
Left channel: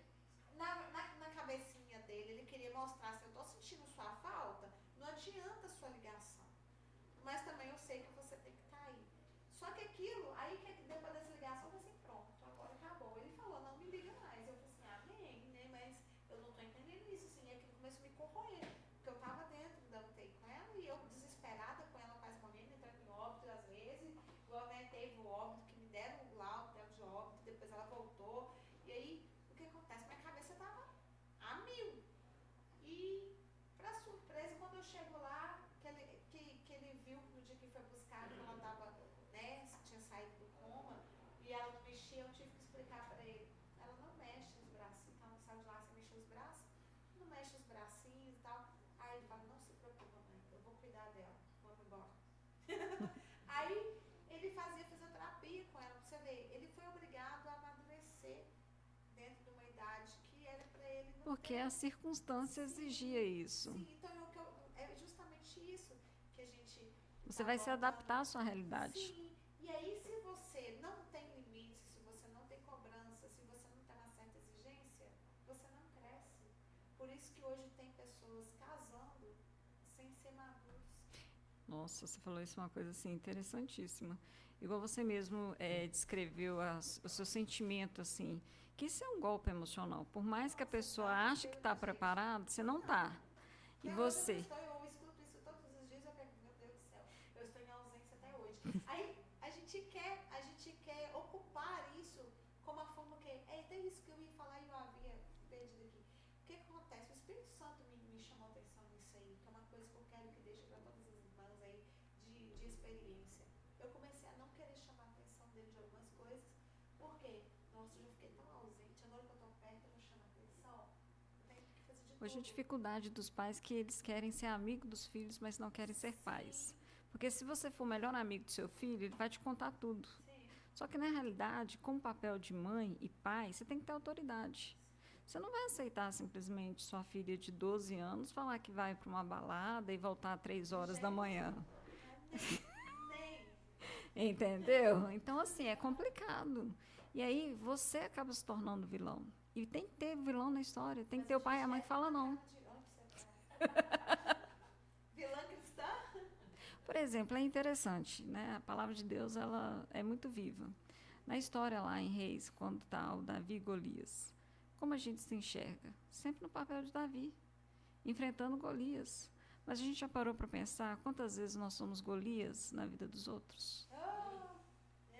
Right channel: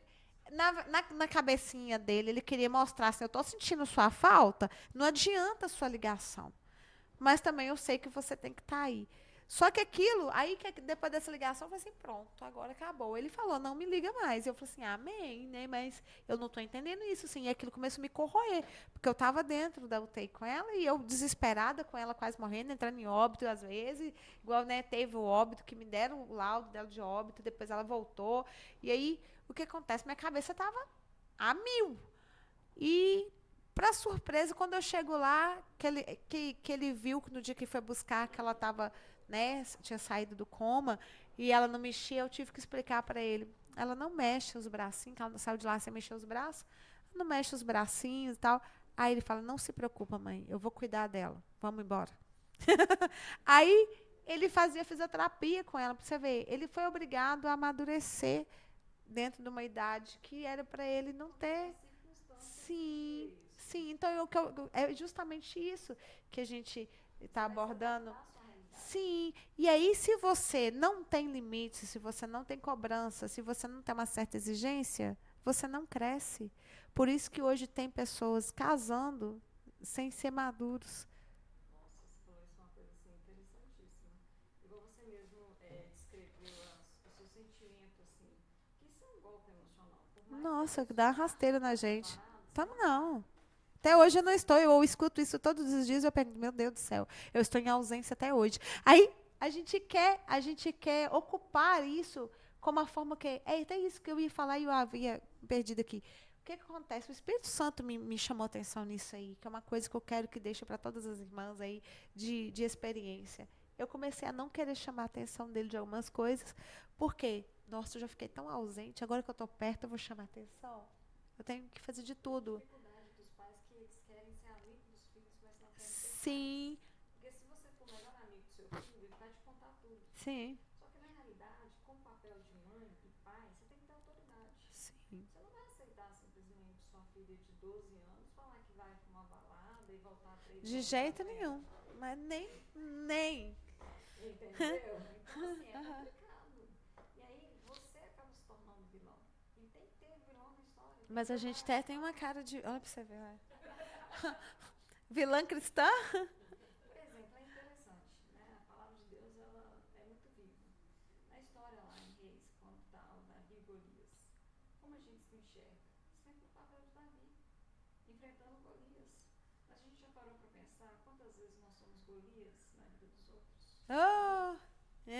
Na cabecinha dele, ele queria mostrar assim, eu estou sentindo sua falta, não adianta a sua ligação. Mas também eu sei que você tem que estar aí. Só que aquilo, aí que depois dessa ligação, eu falei assim, pronto, agora acabou. Ele falou, não me liga mais. Eu falei assim, amém, né? Mas eu não estou entendendo isso, assim. E aquilo começou a me corroer, porque eu estava dentro da UTI com ela e eu desesperada com ela, quase morrendo, entrando em óbito às vezes. Igual, né, teve o óbito, que me deram o laudo dela de óbito, depois ela voltou. E aí... O que acontece? Minha cabeça estava a 1000. E, para surpresa, quando eu chego lá, que ele viu que no dia que foi buscar, que ela estava, né, tinha saído do coma, e ela não mexia, eu tive que explicar para ele. Ela não mexe os bracinhos, que ela saiu de lá sem mexer os braços, não mexe os bracinhos e tal. Aí ele fala, não se preocupa, mãe, eu vou cuidar dela, vamos embora. Aí ele fazia fisioterapia com ela, para você ver. Ele foi obrigado a amadurecer dentro de uma idade que era para ele não ter. Porque as circunstâncias exigia isso. Sim, então é justamente isso que a gente está abordando. Você vai se adaptar à sua realidade. Sim, e aí se você não tem limites, se você não tem cobrança, se você não tem uma certa exigência, você não cresce. Por isso que hoje tem pessoas casando sem ser maduros. Nossa, você falou isso, uma coisa assim interessantíssima. Igual você mesmo descreveu o seu sentimento, assim, que isso é um golpe emocional. Por mais que a Nossa, pessoa dá ache que rasteira na está gente. preparado, você Tá não não. está. Até hoje eu não estou, eu escuto isso todos os dias, eu penso, meu Deus do céu, eu estou em ausência até hoje. Aí a gente quer ocupar isso como a forma que. É até isso que eu ia falar e eu havia perdido aqui. O que acontece? O Espírito Santo me chamou a atenção nisso aí, que é uma coisa que eu quero que deixe para todas as irmãs aí de experiência. Eu comecei a não querer chamar a atenção dele de algumas coisas, porque, nossa, eu já fiquei tão ausente, agora que eu estou perto, eu vou chamar a atenção. Eu tenho que fazer de Hoje tudo. a dificuldade dos pais é que eles querem ser amigo dos filhos, mas não querem ser Sim. pais. Porque se você for o melhor amigo do seu filho, ele vai te contar tudo. Sim. Só que, na realidade, como papel de mãe e pai, você tem que ter autoridade. Sim. Você não vai aceitar simplesmente sua filha de 12 anos falar que vai para uma balada e voltar 3 horas da manhã. Nenhum. Mas nem. Entendeu? Então, assim, é complicado. E aí, você acaba se tornando vilão. E tem que ter vilão na história. Tem Mas que ter a gente o tem uma cara de... Olha pra você ver. Vilã cristã? Por exemplo, é interessante, né? A palavra de Deus, ela é muito viva. Na história lá em Reis, quando está o Davi e Golias, como a gente se enxerga? Sempre no papel de Davi, enfrentando Golias. Mas a gente já parou para pensar quantas vezes nós somos Golias na vida dos outros? Oh,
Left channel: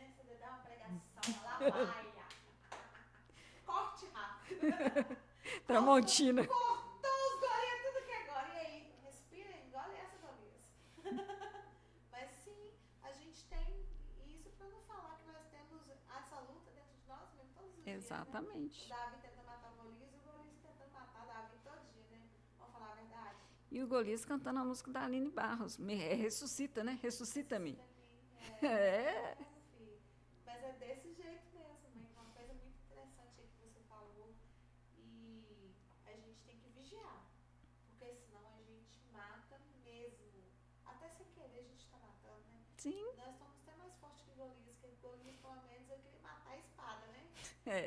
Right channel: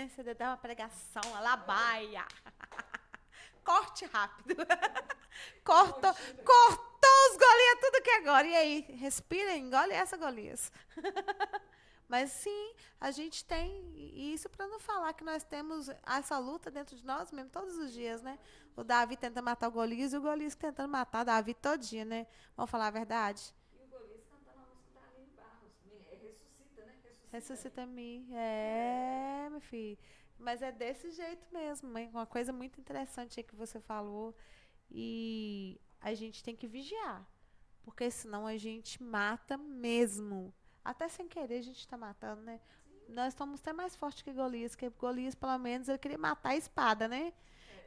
você dá uma pregação, a labaia. Corte rápido. Cortou os Golias, tudo que é agora. E aí, respira, engole essa Golias. Mas sim, a gente tem isso para não falar que nós temos essa luta dentro de nós mesmo todos os dias, né? O Davi tenta matar o Golias e o Golias tentando matar o Davi todinho, né? Vamos falar a verdade? E o Golias cantando a música da Aline Barros. Ressuscita, né? Ressuscita-me. Ressuscita-me. Meu filho. Mas é desse jeito mesmo, mãe. Uma coisa muito interessante aí que você falou. E a gente tem que vigiar. Porque senão a gente mata mesmo. Até sem querer a gente está matando, né? Sim. Nós somos até mais fortes que Golias, porque Golias, pelo menos, ele queria matar a espada, né?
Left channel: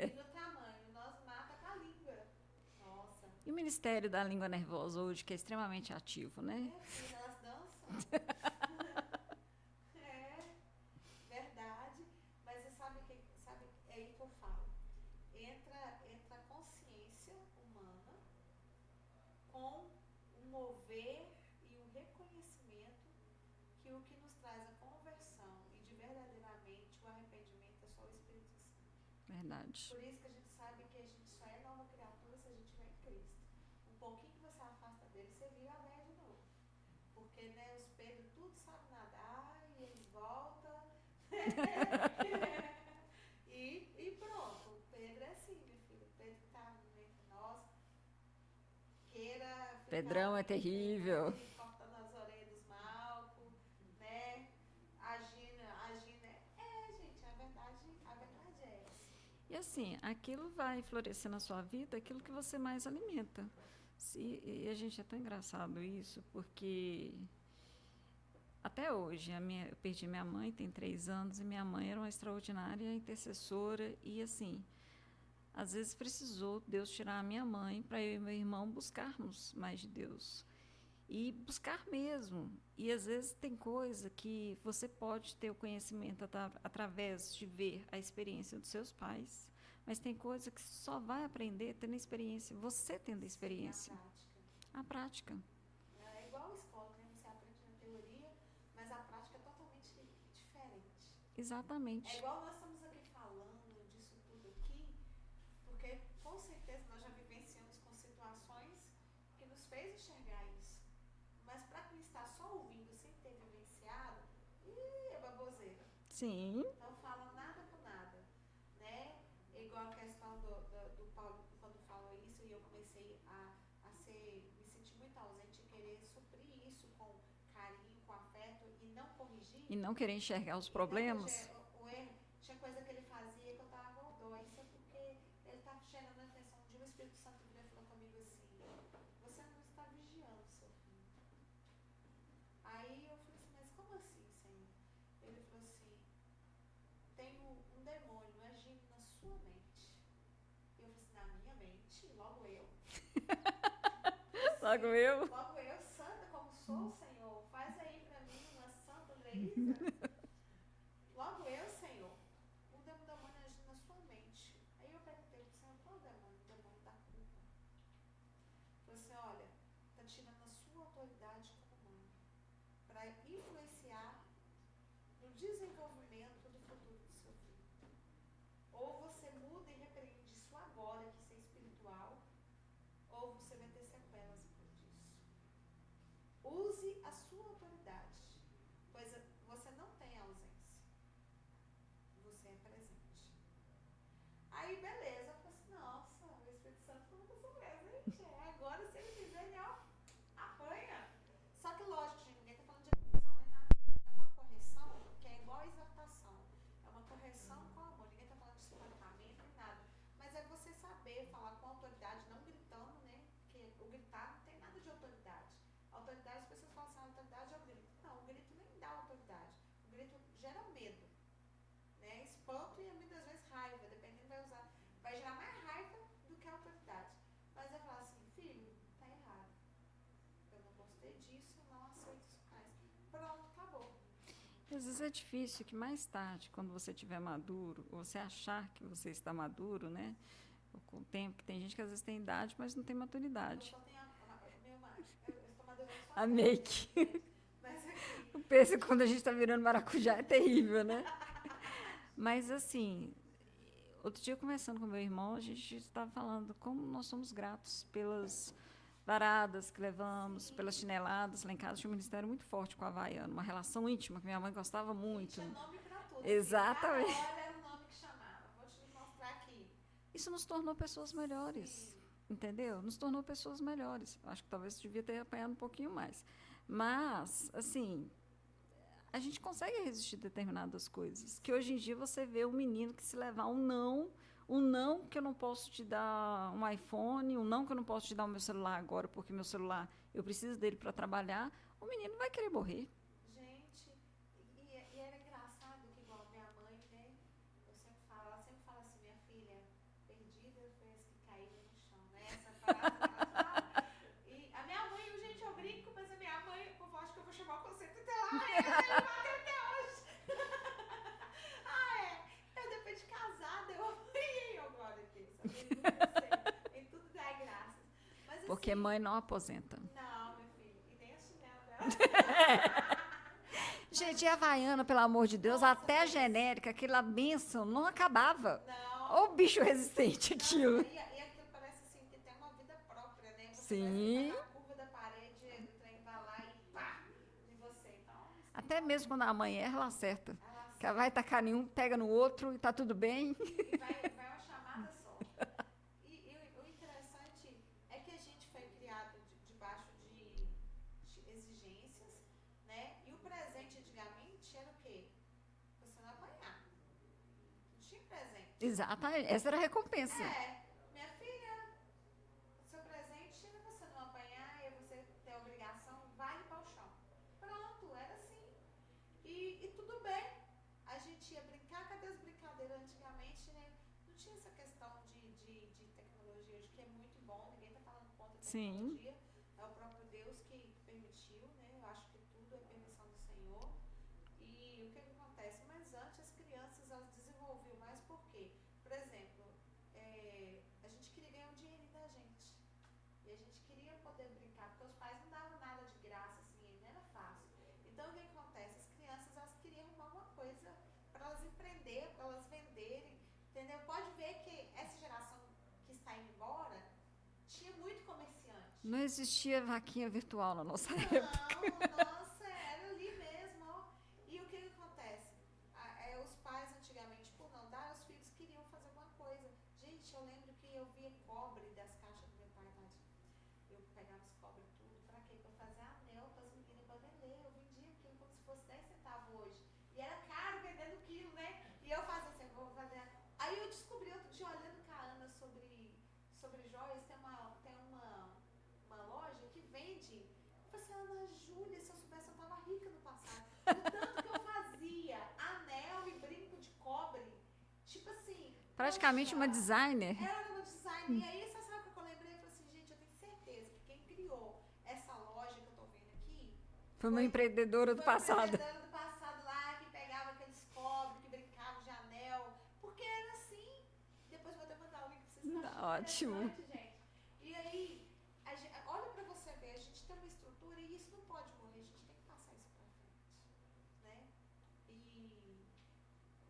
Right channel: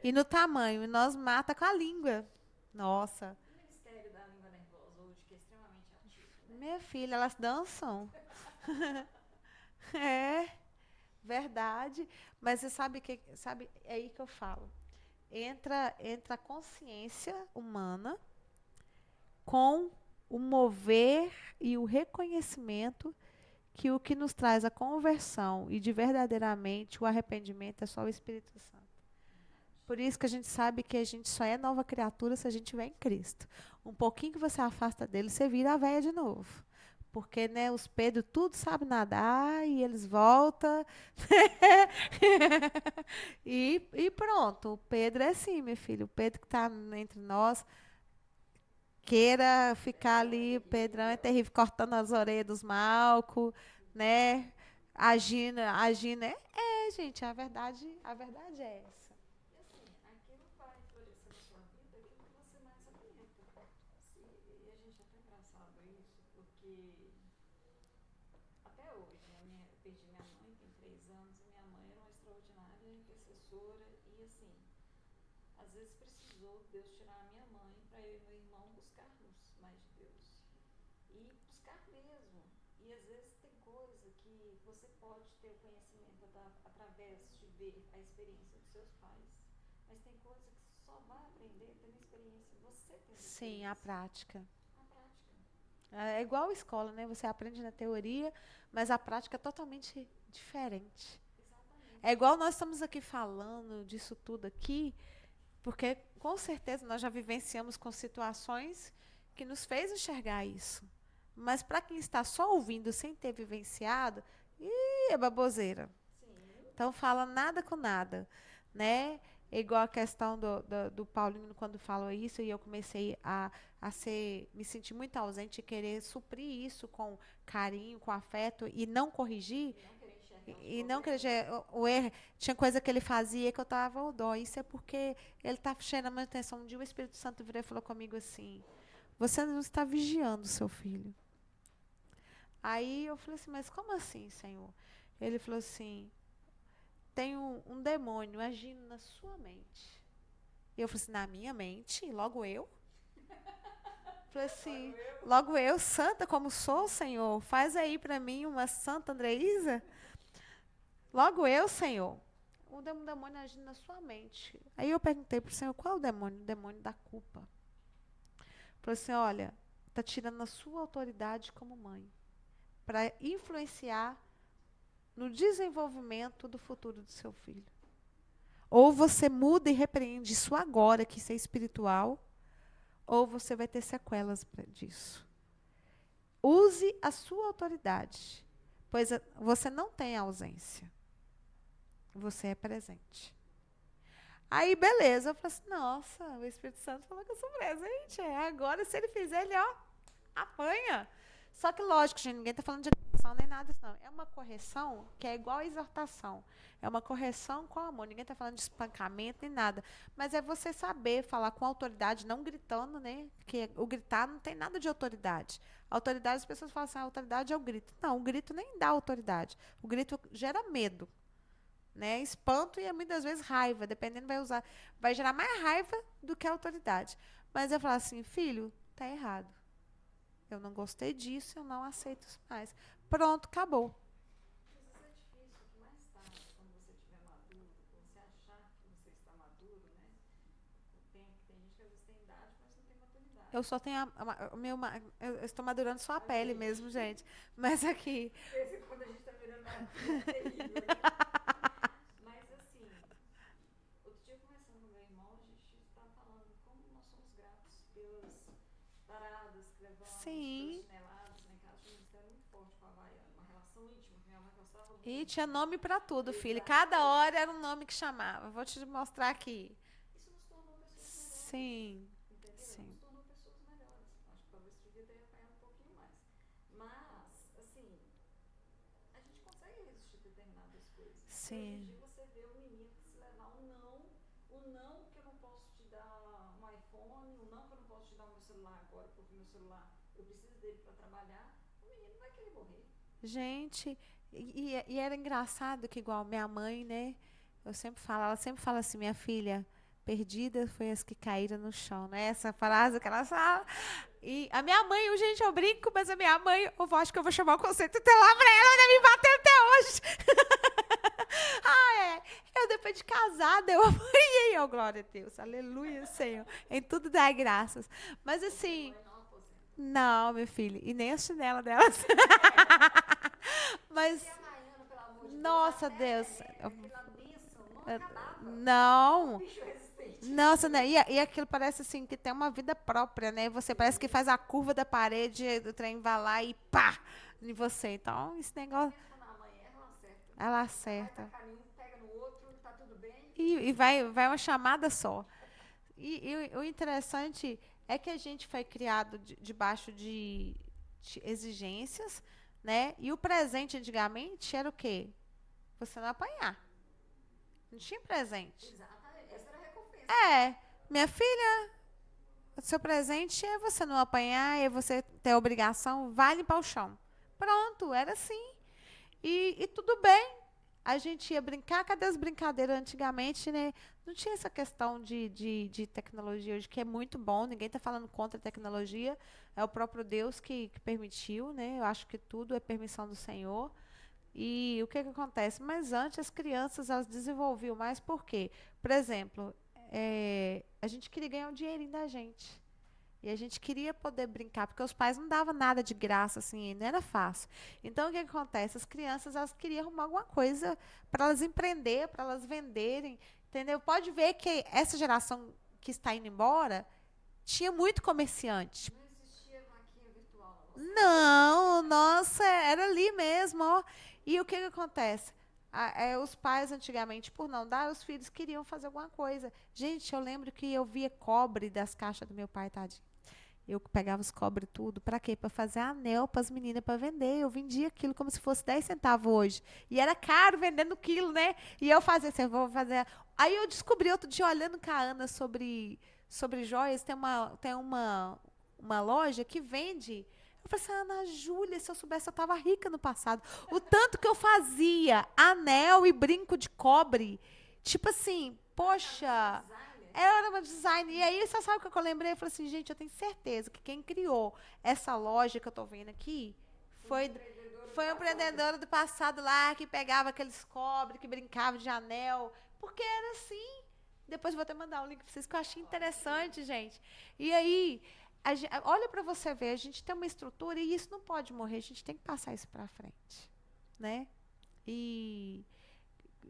E no tamanho. E nós mata com a língua. Nossa. E o Ministério da Língua Nervosa hoje, que é extremamente ativo, né? Minha filha, elas dançam. É, verdade. Mas você sabe que, é aí que eu falo. Entra a consciência humana com o mover e o reconhecimento que o que nos traz a conversão e de verdadeiramente o arrependimento é só o Espírito Santo. Verdade. Por isso que a gente sabe que a gente só é nova criatura se a gente tiver em Cristo. Um pouquinho que você afasta dele, você vira a véia de novo. Porque, né, os Pedro tudo sabe nadar e eles voltam. e pronto. O Pedro é assim, meu filho. O Pedro que está entre nós queira ficar Pedrão ali. É o Pedrão é terrível, cortando as orelhas dos Malco, né? Agindo. Gente, a verdade é essa. E assim, aquilo vai florescer na sua vida, aquilo que você mais alimenta. E a gente é tão engraçado isso, porque até hoje, eu perdi minha mãe, tem 3 anos, e minha mãe era uma extraordinária intercessora, e assim, às vezes precisou Deus tirar a minha mãe para eu e meu irmão buscarmos mais de Deus. E buscar mesmo. E às vezes tem coisa que você pode ter o conhecimento através de ver a experiência dos seus pais, mas tem coisa que só vai aprender tendo experiência, você tendo experiência. Sim, a prática. A prática. É igual a escola, né? Você aprende na teoria, mas a prática é totalmente diferente. Exatamente. É igual nós estamos aqui falando disso tudo aqui, porque com certeza nós já vivenciamos com situações que nos fez enxergar isso. Mas para quem está só ouvindo sem ter vivenciado, é baboseira. Sim. Então fala nada com nada, né? É igual a questão do Paulino quando falou isso, e eu comecei a me sentir muito ausente e querer suprir isso com carinho, com afeto e não corrigir. E não querer enxergar os problemas. problemas. E não querer o erro. Tinha coisa que ele fazia que eu estava ao dó. Isso é porque ele está cheio da minha atenção. Um dia o Espírito Santo virou e falou comigo assim: você não está vigiando o seu filho. Aí eu falei assim, mas como assim, Senhor? Ele falou assim, tem um demônio agindo na sua mente. E eu falei assim, na minha mente? Logo eu? Falei assim, Logo eu, santa como sou, Senhor. Faz aí para mim uma santa Andreísa. Logo eu, Senhor. O demônio agindo na sua mente. Aí eu perguntei pro Senhor, qual é o demônio? O demônio da culpa. Falou assim, olha, tá tirando a sua autoridade como mãe para influenciar no desenvolvimento do futuro do seu filho. Ou você muda e repreende isso agora, que isso é espiritual, ou você vai ter sequelas disso. Use a sua autoridade, pois você não tem ausência. Você é presente. Aí, beleza, eu falei assim, nossa, o Espírito Santo falou que eu sou presente. Agora, se ele fizer, ele, apanha. Só que, lógico, gente, ninguém está falando de correção nem nada, não. É uma correção que é igual a exortação. É uma correção com amor. Ninguém está falando de espancamento nem nada. Mas é você saber falar com autoridade, não gritando, né? Porque o gritar não tem nada de autoridade. A autoridade, as pessoas falam assim, a autoridade é o grito. Não, o grito nem dá autoridade. O grito gera medo. Né? Espanto e muitas vezes raiva, dependendo, vai gerar mais raiva do que a autoridade. Mas eu falo assim, filho, tá errado. Eu não gostei disso, eu não aceito isso mais. Pronto, acabou. Às vezes é difícil que mais tarde, quando você estiver maduro, você achar que você está maduro, né? Com o tempo, que tem gente que às vezes tem idade, mas não tem maturidade. Eu só tenho eu estou madurando só a pele mesmo, gente. Mas aqui. O pêssego, quando a gente está virando maracujá, é terrível, né? Mas assim, outro dia conversando com meu irmão, a gente estava falando como nós somos gratos pelas varadas que levamos, sim, pelas chineladas. Lá em casa tinha um ministério muito forte com a Havaiana, uma relação íntima que minha mãe gostava muito. E tinha nome para tudo, filha. Cada hora era um nome que chamava. Vou te mostrar aqui. Isso nos tornou pessoas melhores. Sim. Entendeu? Sim. Nos tornou pessoas melhores. Acho que talvez devia ter apanhado um pouquinho mais. Mas, assim, a gente consegue resistir a determinadas coisas. Sim. Que hoje em dia você vê um menino que se levar um não que eu não posso te dar um iPhone, um não que eu não posso te dar o meu celular agora, porque meu celular, eu preciso dele para trabalhar, o menino vai querer morrer. Gente, e era engraçado que igual minha mãe, né? Ela sempre fala assim, minha filha, perdida foi as que caíram no chão, né? Essa frase que ela fala. E a minha mãe, gente, eu brinco, mas a minha mãe, eu acho que eu vou chamar o conceito tutelar pra ela, né? Me bater até hoje. Eu depois de casada, eu apanhei, glória a Deus, aleluia, Senhor, em tudo dá graças. Mas assim... Porque mãe não aposenta. Não, meu filho, e nem a chinela dela. Mas gente, a Havaiana, pelo amor de Deus, nossa, até Deus. A genérica, aquela bênção, não acabava. Não. Ou bicho resistente. Nossa, né? E aquilo parece assim, que tem uma vida própria, né? Você sim, parece que faz a curva da parede, do trem vai lá e pá! Em você, então esse negócio... Até mesmo quando a mãe erra, ela acerta. Ela acerta. Ela vai tacar em um, pega no outro e tá tudo bem. E vai uma chamada só. E o interessante é que a gente foi criado debaixo de exigências, né? E o presente antigamente era o quê? Você não apanhar. Não tinha presente. Exatamente. Essa era a recompensa. Minha filha, o seu presente é você não apanhar, é você ter a obrigação, vai limpar o chão. Pronto, era assim. E tudo bem. A gente ia brincar, cadê as brincadeiras antigamente, né? Não tinha essa questão de tecnologia hoje, que é muito bom, ninguém está falando contra a tecnologia. Sim. É o próprio Deus que permitiu, né? Eu acho que tudo é permissão do Senhor. E o que acontece? Mas antes as crianças, elas desenvolviam mais por quê? Por exemplo, a gente queria ganhar um dinheirinho da gente. E a gente queria poder brincar, porque os pais não davam nada de graça, assim, não era fácil. Então, o que acontece? As crianças, elas queriam arrumar alguma coisa para elas empreender, para elas venderem, entendeu? Pode ver que essa geração que está indo embora, tinha muito comerciante. Não existia vaquinha virtual na nossa época. Não, nossa, era ali mesmo, ó. E o que acontece? Os pais, antigamente, por não dar, os filhos queriam fazer alguma coisa. Gente, eu lembro que eu via cobre das caixas do meu pai, tadinho. Eu pegava os cobre tudo, para quê? Para fazer anel para as meninas, para vender. Eu vendia aquilo como se fosse 10 centavos hoje. E era caro vendendo quilo, né? E eu fazia assim, vou fazer... Aí eu descobri outro dia, olhando com a Ana sobre joias, tem uma loja que vende... Eu falei assim, Ana Júlia, se eu soubesse, eu estava rica no passado. O tanto que eu fazia anel e brinco de cobre, tipo assim, praticamente poxa, uma designer. era uma design. E aí, você sabe o que eu lembrei? Eu falei assim, gente, eu tenho certeza que quem criou essa loja que eu tô vendo aqui Foi uma empreendedora do foi uma passado. empreendedora do passado lá, que pegava aqueles cobre, que brincava de anel. Porque era assim. Depois eu vou até mandar um link pra vocês, que eu achei Ótimo. interessante, gente. E aí, olha pra você ver, a gente tem uma estrutura e isso não pode morrer, a gente tem que passar isso pra frente, né? E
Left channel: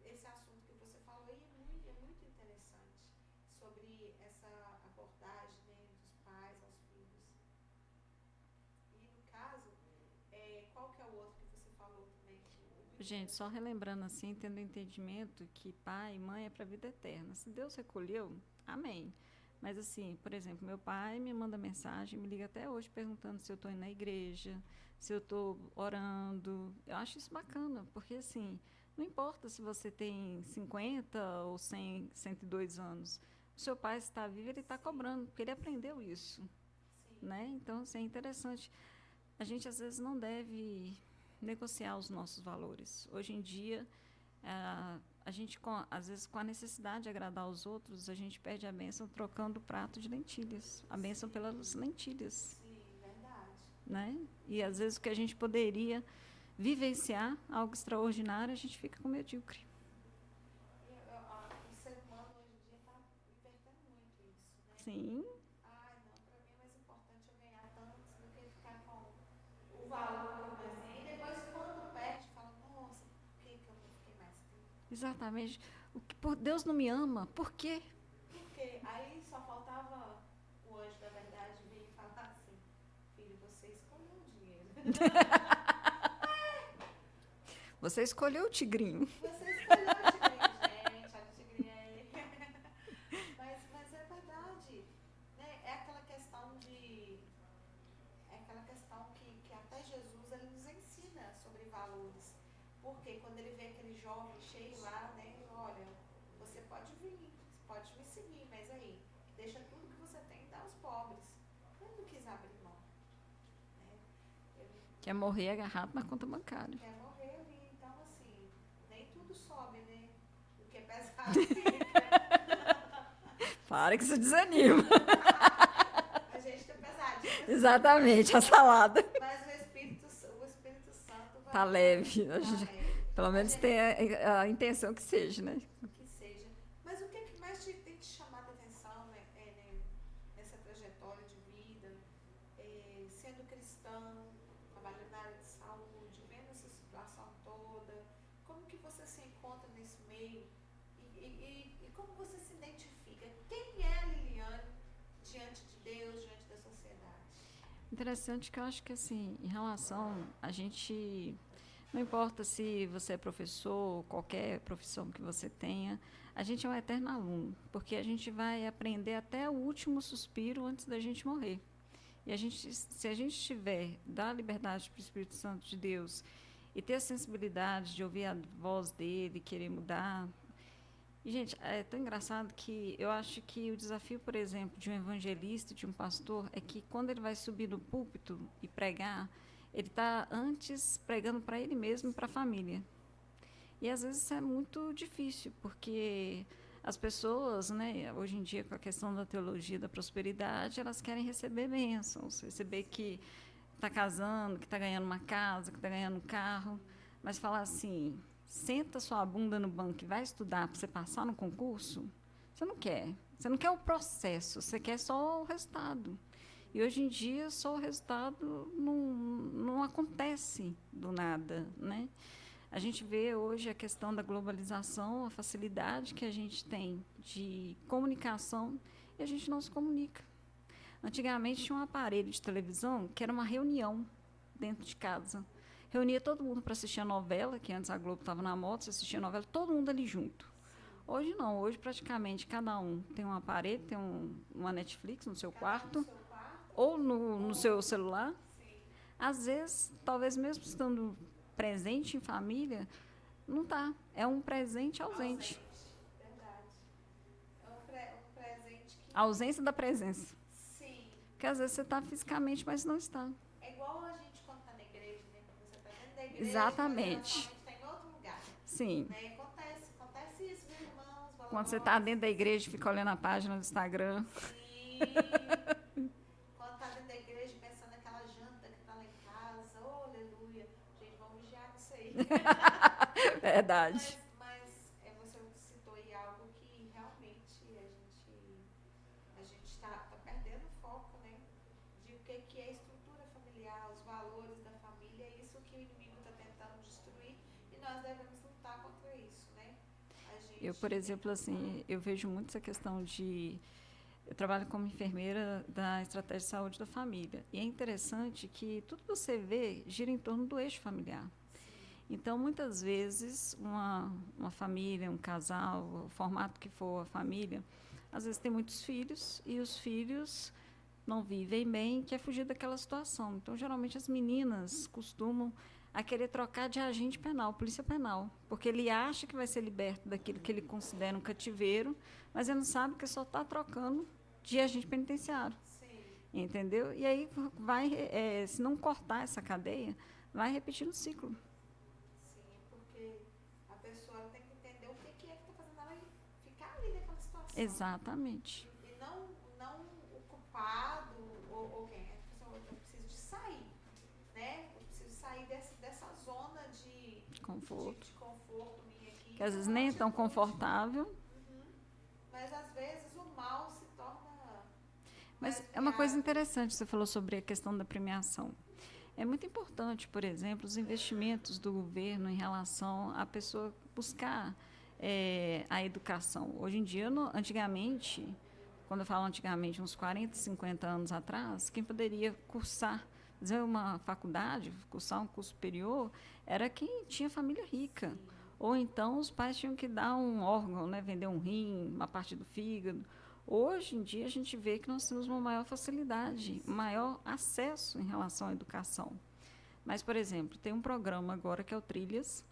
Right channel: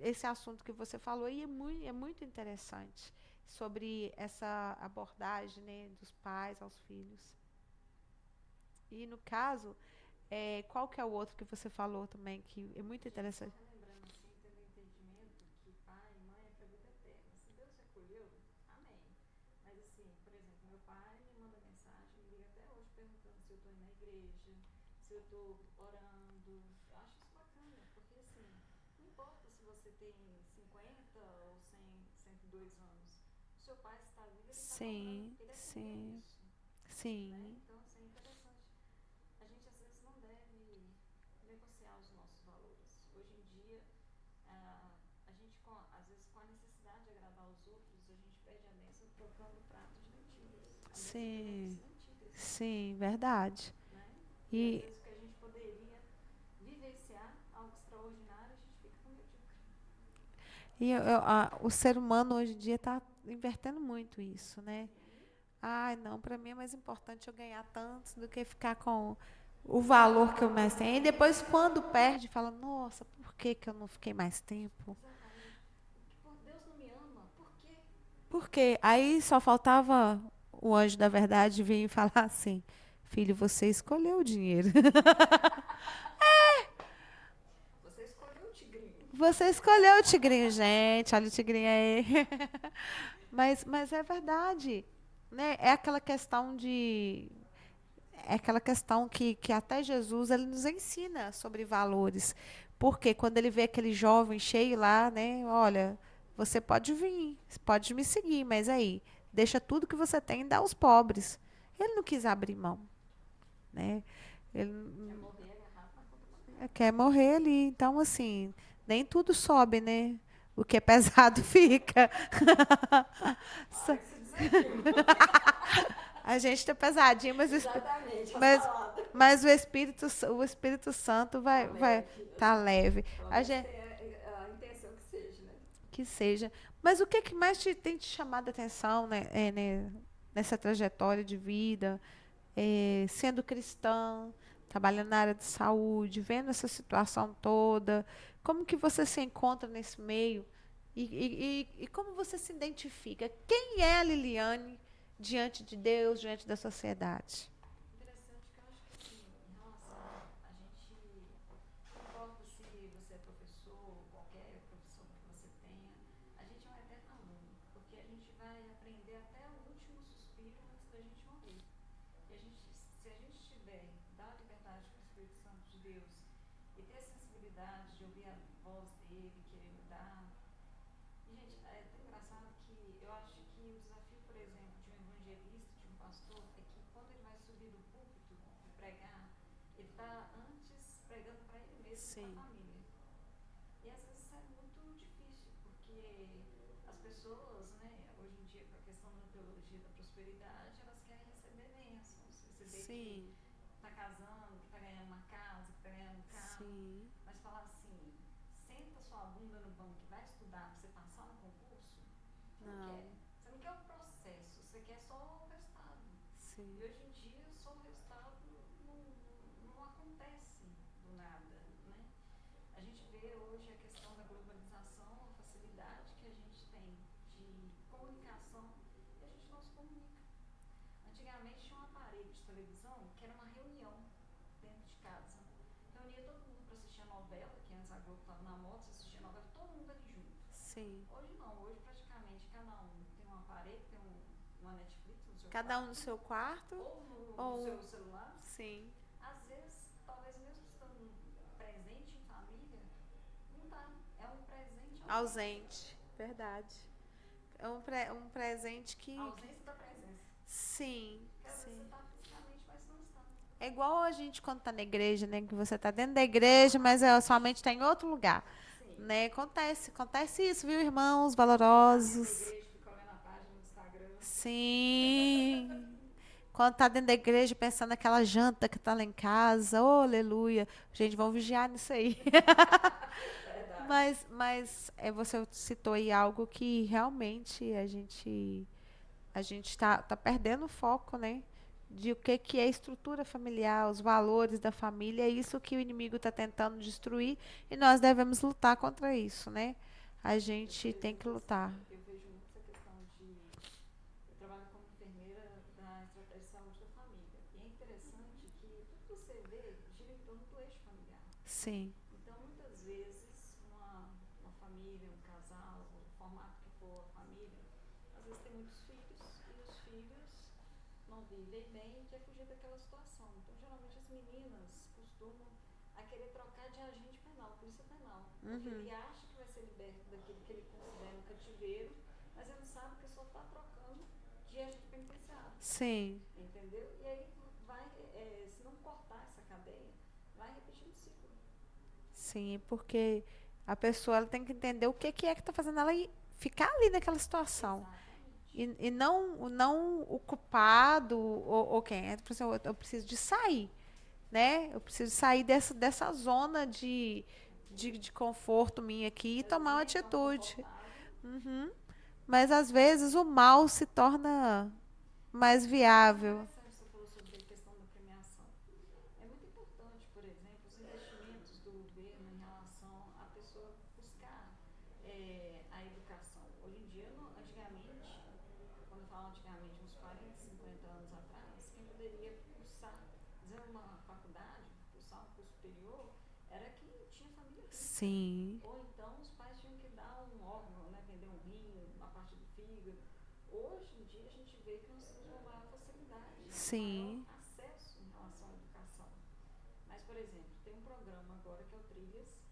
esse assunto que você falou aí é muito interessante, sobre essa abordagem, né, dos pais aos filhos. E no caso, qual que é o outro que você falou também, que é muito Gente, só interessante? relembrando assim, tendo o entendimento que pai e mãe é para a vida eterna. Se Deus recolheu, amém. Mas assim, por exemplo, meu pai me manda mensagem, me liga até hoje perguntando se eu estou indo na igreja, se eu estou orando. Eu acho isso bacana, porque assim, não importa se você tem 50 ou 100, 102 anos. O seu pai está vivo, ele está cobrando, porque ele aprendeu sim, isso. sim. Né? Então, assim, é interessante. A gente, às vezes, não deve negociar os nossos valores. Hoje em dia, a gente, às vezes, com a necessidade de agradar os outros, a gente perde a bênção trocando o prato de lentilhas. A bênção pelas lentilhas. Sim, verdade. Né? E, às vezes, o que a gente poderia vivenciar, algo extraordinário, a gente fica com medíocre. E o ser humano hoje em dia está invertendo muito isso, né? Sim. Ai, não, para mim é mais importante eu ganhar tanto do que ficar com o valor que eu mais tenho. E depois, quando perde, fala, nossa, por que eu não fiquei mais tempo? Exatamente. Por Deus não me ama, por quê? Por quê? Aí só faltava o anjo da verdade vir e falar assim, filho, você escolheu o dinheiro. Você escolheu o tigrinho. Você escolheu o tigrinho, gente. Olha o tigrinho aí. Mas é verdade. Né? É aquela questão de... É aquela questão que até Jesus ele nos ensina sobre valores. Porque quando ele vê aquele jovem cheio lá, né? Olha, você pode vir, pode me seguir, mas aí, deixa tudo que você tem e dá aos pobres. Ele não quis abrir mão. Né? Ele Quer morrer agarrado na conta bancária. quer morrer ali. Então, assim, nem tudo sobe, né? O que é pesado fica. Para que isso desanima. A gente tá pesadinho, mas Exatamente, a salada. Mas o Espírito Santo Tá leve. Tá leve. Pelo menos tem a intenção que seja, né? Que seja. Mas o que é que mais tem te chamado a atenção, né, nessa trajetória de vida, sendo cristã, trabalhando na área de saúde, vendo essa situação toda? Como que você se encontra nesse meio? E como você se identifica? Quem é a Liliane diante de Deus, diante da sociedade? Interessante que eu acho que, assim, em relação a gente... Não importa se você é professor, qualquer profissão que você tenha, a gente é um eterno aluno, porque a gente vai aprender até o último suspiro antes da gente morrer. E se a gente tiver, dar liberdade para o Espírito Santo de Deus e ter a sensibilidade de ouvir a voz dele, querer mudar... E, gente, é tão engraçado que eu acho que o desafio, por exemplo, de um evangelista, de um pastor, é que quando ele vai subir no púlpito e pregar, ele está antes pregando para ele mesmo e para a família. E, às vezes, isso é muito difícil, porque as pessoas, né, hoje em dia, com a questão da teologia da prosperidade, elas querem receber bênçãos, receber que está casando, que está ganhando uma casa, que está ganhando um carro, mas falar assim... Senta sua bunda no banco e vai estudar para você passar no concurso, você não quer. Você não quer o processo, você quer só o resultado. Sim. E hoje em dia, só o resultado não acontece do nada, né? A gente vê hoje a questão da globalização, a facilidade que a gente tem de comunicação e a gente não se comunica. Antigamente tinha um aparelho de televisão que era uma reunião dentro de casa. Reunia todo mundo para assistir a novela, que antes a Globo estava na moda, você assistia a novela, todo mundo ali junto. Sim. Hoje não, hoje praticamente cada um tem um aparelho, tem uma Netflix no seu quarto. Cada um no seu quarto. Ou no seu celular. Sim. Às vezes, talvez mesmo estando presente em família, não está. É um presente ausente. Ausente, verdade. É um presente que... A ausência da presença. Sim. Porque às vezes você está fisicamente, mas não está. É igual a gente quando tá na igreja, né? Que você tá dentro da igreja, mas somente tá em outro lugar. Sim. Né? Acontece isso, viu, irmãos Quando valorosos? você tá dentro da igreja, fica olhando a página do Instagram. Sim. Quando tá dentro da igreja, pensando naquela janta que tá lá em casa, oh, aleluia. Gente, vamos vigiar nisso aí. Verdade. Mas você citou aí algo que realmente a gente tá perdendo o foco, né? De o que é estrutura familiar, os valores da família, é isso que o inimigo está tentando destruir e nós devemos lutar contra isso, né? A gente Eu, por tem exemplo, que lutar. assim, eu vejo muito essa questão de... Eu trabalho como enfermeira da estratégia de saúde da família. E é interessante que tudo que você vê gira em torno do eixo familiar. Sim. Então, muitas vezes, uma família, um casal, o formato que for a família, às vezes tem muitos filhos e os filhos não vivem bem, quer fugir daquela situação. Então, geralmente, as meninas costumam a querer trocar de agente penal, polícia penal, porque ele acha que vai ser liberto daquilo que ele considera um cativeiro, mas ele não sabe que só está trocando de agente penitenciário. Sim. Entendeu? E aí vai, se não cortar essa cadeia, vai repetindo o ciclo. Sim, porque a pessoa ela tem que entender o que é que está fazendo ela ficar ali naquela situação. Exatamente. E não o culpado ou quem. Eu preciso de sair. Né? Eu preciso sair dessa zona de conforto minha aqui e tomar uma atitude. Tão confortável. Uhum. Mas às vezes o mal se torna mais viável. É uma coisa interessante, você falou sobre a questão da premiação. É muito importante, por exemplo, os investimentos do governo em relação à pessoa buscar a educação. Hoje em dia, antigamente, quando eu falo antigamente, uns 40, 50 anos atrás, quem poderia cursar fazer uma faculdade, cursar um curso superior, era quem tinha família rica. Sim. Ou então os pais tinham que dar um órgão, né, vender um rim, uma parte do fígado. Hoje em dia a gente vê que nós temos uma maior facilidade, Sim. maior acesso em relação à educação. Mas, por exemplo, tem um programa agora que é o Trilhas,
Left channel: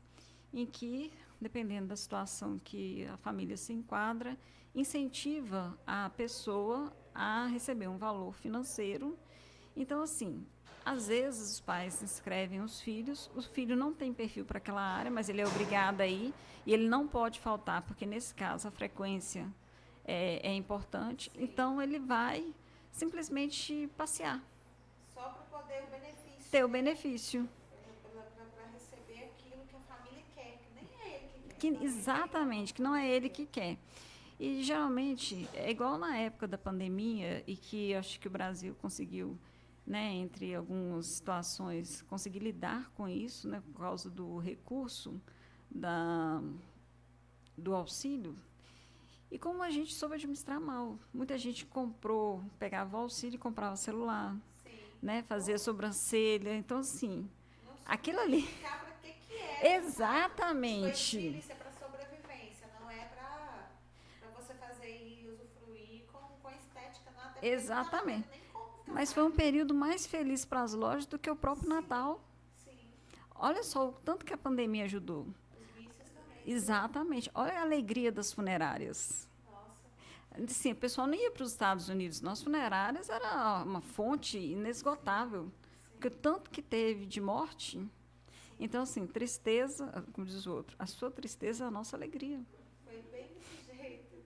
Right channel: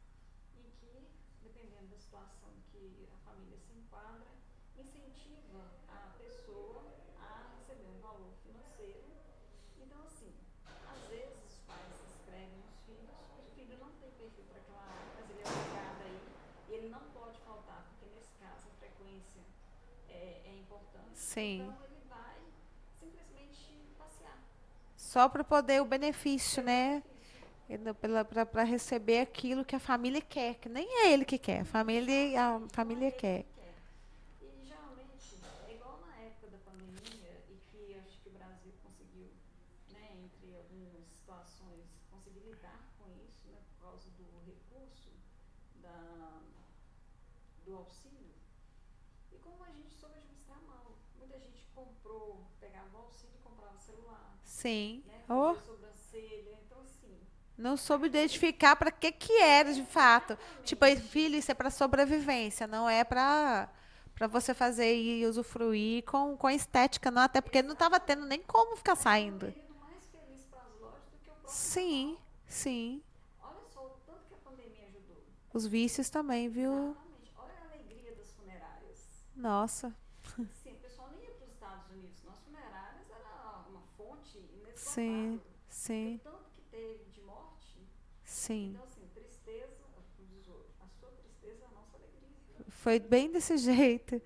em que, dependendo da situação que a família se enquadra, incentiva a pessoa a receber um valor financeiro. Então, assim, às vezes os pais inscrevem os filhos, o filho não tem perfil para aquela área, mas ele é obrigado a ir e ele não pode faltar, porque nesse caso a frequência é importante. Sim. Então ele vai simplesmente passear. Só para poder o benefício, ter né? o benefício. Para receber aquilo que a família quer, que nem é ele que quer. Exatamente, que não é ele que quer. E geralmente é igual na época da pandemia e que acho que o Brasil conseguiu, né, entre algumas situações, conseguir lidar com isso, né, por causa do recurso do auxílio. E como a gente soube administrar mal. Muita gente pegava o auxílio e comprava celular. Sim. Né, fazia sobrancelha. Então, assim... Não soube identificar para que era, de fato. Tipo, filho, isso é para sobrevivência, não é para você fazer e usufruir com estética, não, até porque não estava tendo nem como ficar saindo. Mas foi um período mais feliz para as lojas do que o próprio Natal. Sim. Olha só o tanto que a pandemia ajudou. Os vícios também, viu? Exatamente. Olha a alegria das funerárias. Nossa. Sim, o pessoal não ia para os Estados Unidos. Nossas funerárias era uma fonte inesgotável. Sim. Porque o tanto que teve de morte... Sim. Então, assim, tristeza, como diz o outro, a sua tristeza é a nossa alegria. Foi bem desse jeito.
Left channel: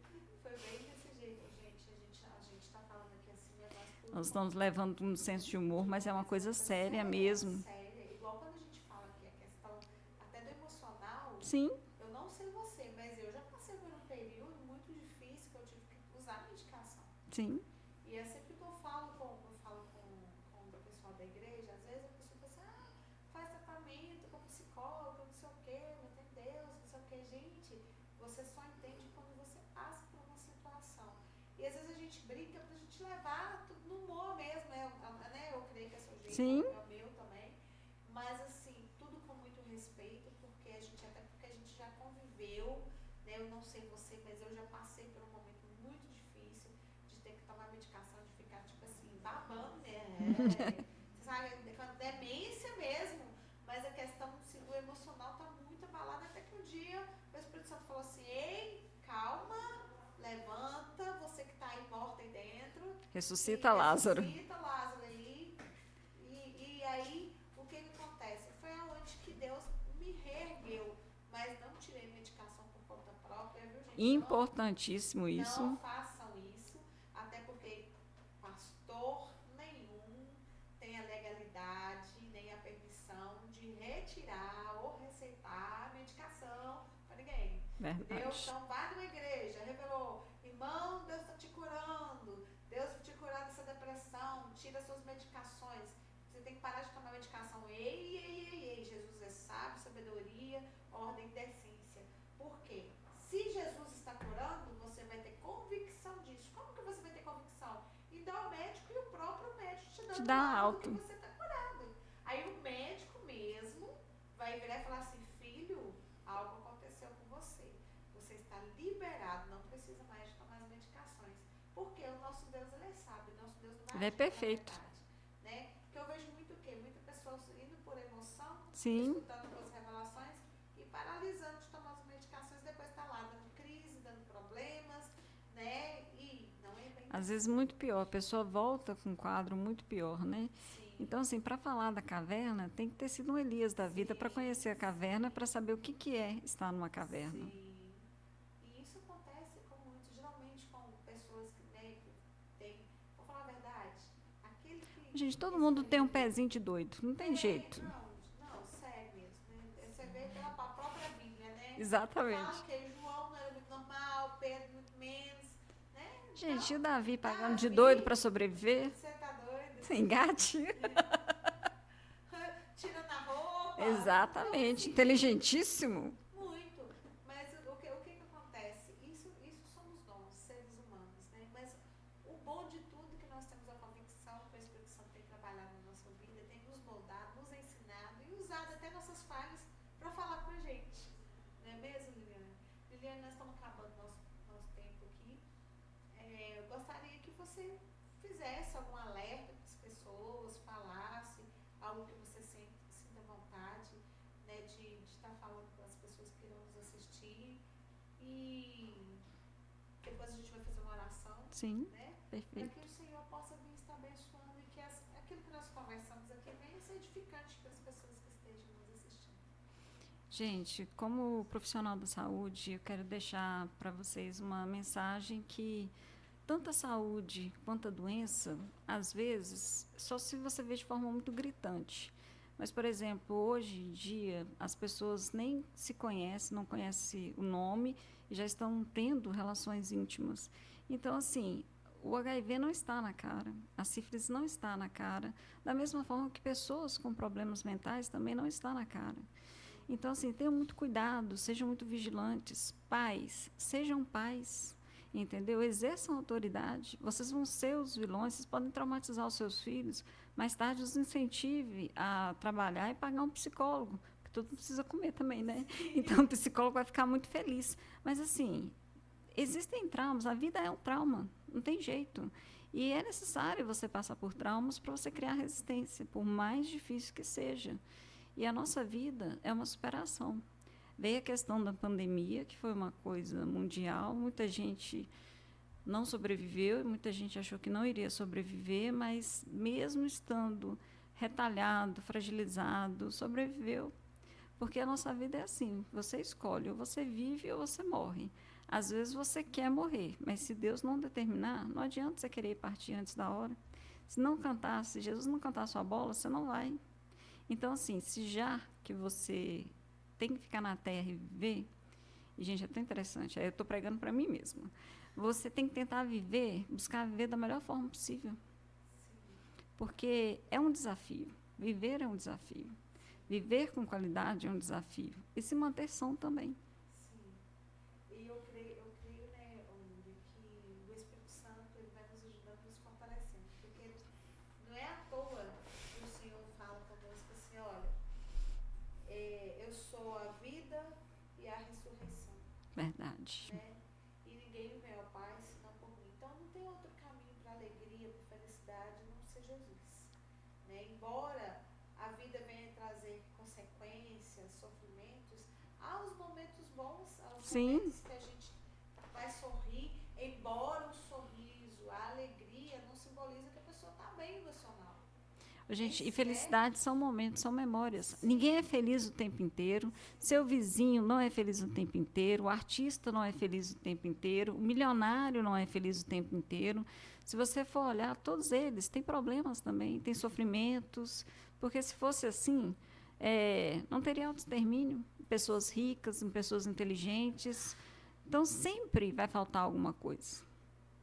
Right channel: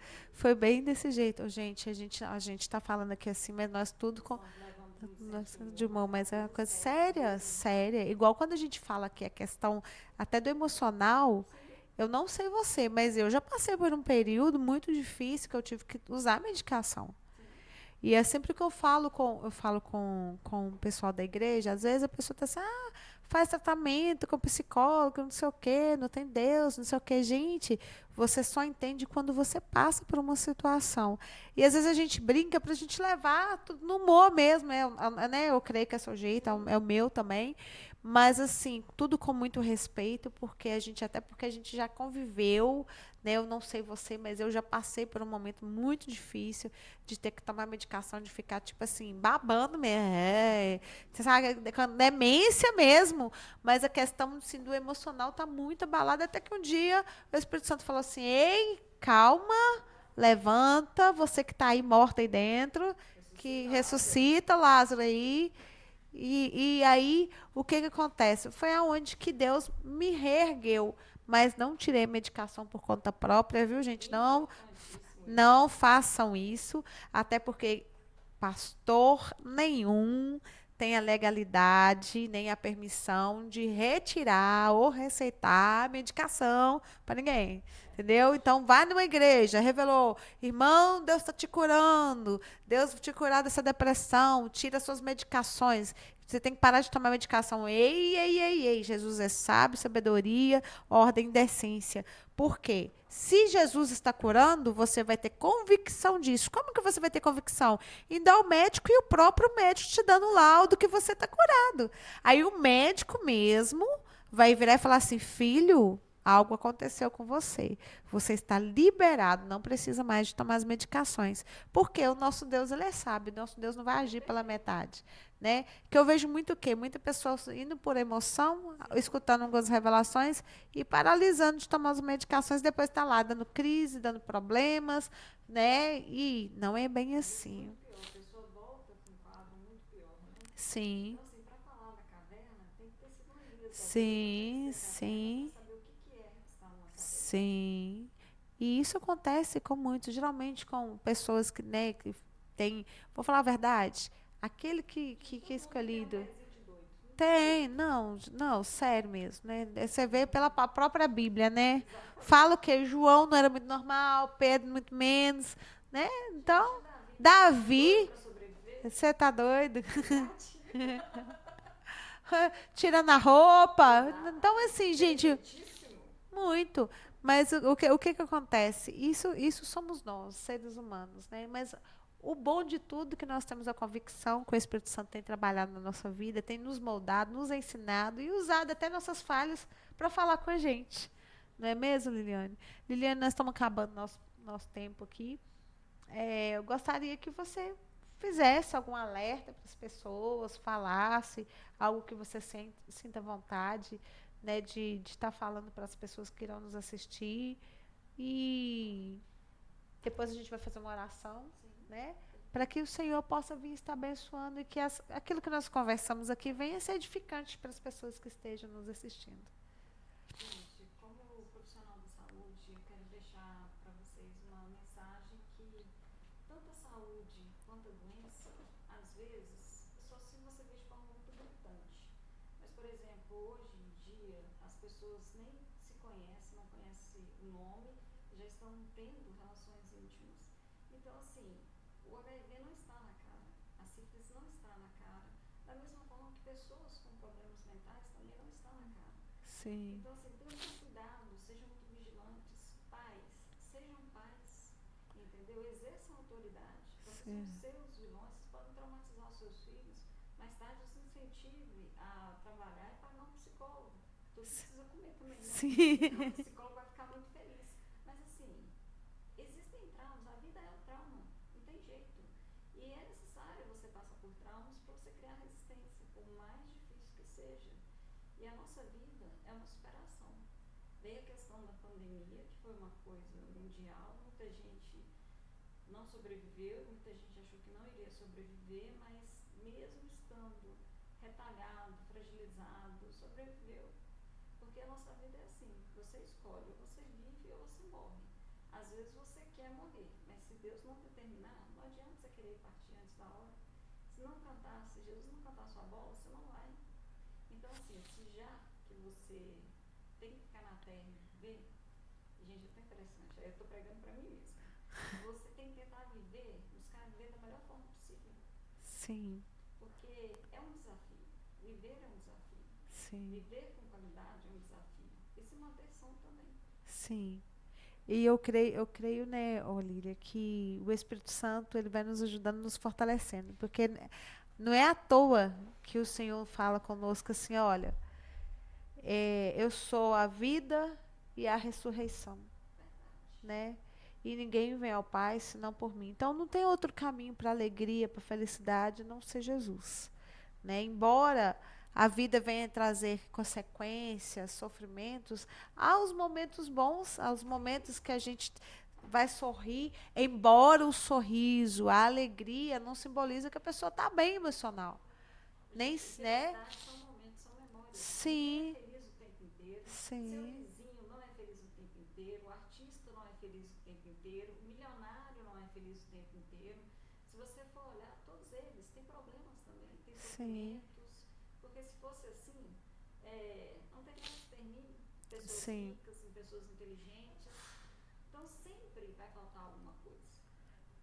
Gente, a gente está falando aqui assim, mas nós estamos levando um senso de humor, mas é uma coisa séria mesmo. Séria. Igual quando a gente fala que a questão até do emocional. Sim. Eu não sei você, mas eu já passei por um período muito difícil que eu tive que usar medicação. Sim. E é sempre que eu falo com o pessoal da igreja, às vezes a pessoa está assim, faz tratamento com psicólogo, não sei o quê, não tem Deus, não sei o quê. Gente, você só entende quando você passa por uma situação. E às vezes a gente brinca para a gente levar tudo no humor mesmo, né? Eu creio que é seu jeito, é o meu também. Mas, assim, tudo com muito respeito, porque a gente já conviveu, né? Eu não sei você, mas eu já passei por um momento muito difícil de ter que tomar medicação, de ficar, tipo assim, babando mesmo. Você sabe, demência mesmo. Mas a questão assim, do emocional está muito abalada, até que um dia o Espírito Santo falou assim, ei, calma, levanta, você que está aí morta aí dentro, Ressuscita que Lázaro. ressuscita Lázaro aí. E aí, o que que acontece? Foi aonde que Deus me reergueu, mas não tirei medicação por conta própria, viu, gente? Importantíssimo Não isso. façam isso, até porque pastor nenhum tem a legalidade nem a permissão de retirar ou receitar medicação para ninguém. Entendeu? Verdade. Então, vai numa igreja, revelou, irmão, Deus está te curando, Deus vai te curar dessa depressão, tira suas medicações. Você tem que parar de tomar medicação. Ei, ei, ei, ei. Jesus é sábio, sabedoria, ordem e decência. Por quê? Se Jesus está curando, você vai ter convicção disso. Como que você vai ter convicção? Indo ao médico e o próprio médico te dando um Dá laudo que alta. você está curado. Aí o médico mesmo vai virar e falar assim, filho, algo aconteceu com você. Você está liberado, não precisa mais de tomar as medicações. Porque o nosso Deus, ele é sábio, o nosso Deus não vai Ele é agir pela perfeito. metade. Né? Que eu vejo muito o quê? Muita pessoa indo por emoção, Sim. escutando algumas revelações e paralisando de tomar as medicações, depois está lá dando crise, dando problemas, né? E não é bem Às assim. vezes muito pior. A pessoa volta com um quadro muito pior, né? Sim. Então, assim, para falar da caverna, tem que ter sido um Elias da Sim, vida para conhecer a caverna, sim. para saber o que, que é estar numa caverna. Sim. E isso acontece com muitos, geralmente com pessoas que, né, que tem, vou falar a verdade, aquele Gente, que todo é mundo tem um escolhido. pezinho de doido. Não tem Tem, jeito. não, sério mesmo, né? Você vê pela própria Bíblia, né? Exatamente. Fala o quê? João não era muito normal, Pedro muito menos, né? Gente, Então, e o Davi pagando de Davi, doido para sobreviver? você tá doido? Engate. Tirando a roupa. Exatamente. Então, assim, gente, Inteligentíssimo. muito. Mas o que que acontece? Isso somos nós, seres humanos, né? Mas o bom de tudo é que nós temos a convicção que o Espírito Santo tem trabalhado na nossa vida, tem nos moldado, nos ensinado e usado até nossas falhas para falar com a gente. Não é mesmo, Liliane? Liliane, nós estamos acabando nosso tempo aqui. Eu gostaria que você fizesse algum alerta para as pessoas, falasse algo que você sinta vontade, né, de estar falando para as pessoas que irão nos assistir. E depois a gente vai fazer uma oração, Sim, né, perfeito. para que o Senhor possa vir estar abençoando e que aquilo que nós conversamos aqui venha ser edificante para as pessoas que estejam nos assistindo. Gente, como profissional da saúde, eu quero deixar para vocês uma mensagem que tanto a saúde quanto a doença, às vezes, só se você vê de forma muito gritante. Mas, por exemplo, hoje em dia, as pessoas nem se conhecem, não conhecem o nome e já estão tendo relações íntimas. Então, assim, o HIV não está na cara, a sífilis não está na cara, da mesma forma que pessoas com problemas mentais também não está na cara. Sim. Então, assim, tenham muito cuidado, sejam muito vigilantes. Pais, sejam pais, entendeu? Exerçam autoridade. Vocês vão ser os vilões, vocês podem traumatizar os seus filhos. Mais tarde, os incentive a trabalhar e pagar um psicólogo, que tudo precisa comer também, né? Sim. Então, o psicólogo vai ficar muito feliz. Mas, assim, existem traumas, a vida é um trauma, não tem jeito. E é necessário você passar por traumas para você criar resistência, por mais difícil que seja. E a nossa vida é uma superação. Veio a questão da pandemia, que foi uma coisa mundial, muita gente não sobreviveu, e muita gente achou que não iria sobreviver, mas mesmo estando retalhado, fragilizado, sobreviveu. Porque a nossa vida é assim, você escolhe, ou você vive ou você morre. Às vezes você quer morrer, mas se Deus não determinar, não adianta você querer partir antes da hora. Se não cantar, se Jesus não cantar a sua bola, você não vai. Então, assim, se já que você tem que ficar na terra e viver, e, gente, é tão interessante, aí eu estou pregando para mim mesma, você tem que tentar viver, buscar viver da melhor forma possível. Sim. Porque é um desafio, viver é um desafio. Sim. Viver com qualidade é um desafio. E se manter são também. Sim. E eu creio, né, Olívia, que o Espírito Santo ele vai nos ajudando, nos fortalecendo, porque não é à toa que o Senhor fala conosco assim, olha, eu sou a vida e a ressurreição. Verdade. Né? E ninguém vem ao Pai senão por mim. Então não tem outro caminho para alegria, para felicidade, não ser Jesus. Né? Embora a vida venha trazer consequências, sofrimentos, há os momentos bons, há os Sim. momentos que a gente vai sorrir, embora o sorriso, a alegria não simboliza que a pessoa está bem emocional. Gente, e felicidade são momentos, são memórias. Sim. Ninguém é feliz o tempo inteiro. Sim. Seu vizinho não é feliz o tempo inteiro. O artista não é feliz o tempo inteiro. O milionário não é feliz o tempo inteiro. Se você for olhar, todos eles têm problemas também, têm sofrimentos. Porque se fosse assim, não teria autoextermínio. Pessoas Sim. ricas, pessoas inteligentes. Então, sempre vai faltar alguma coisa.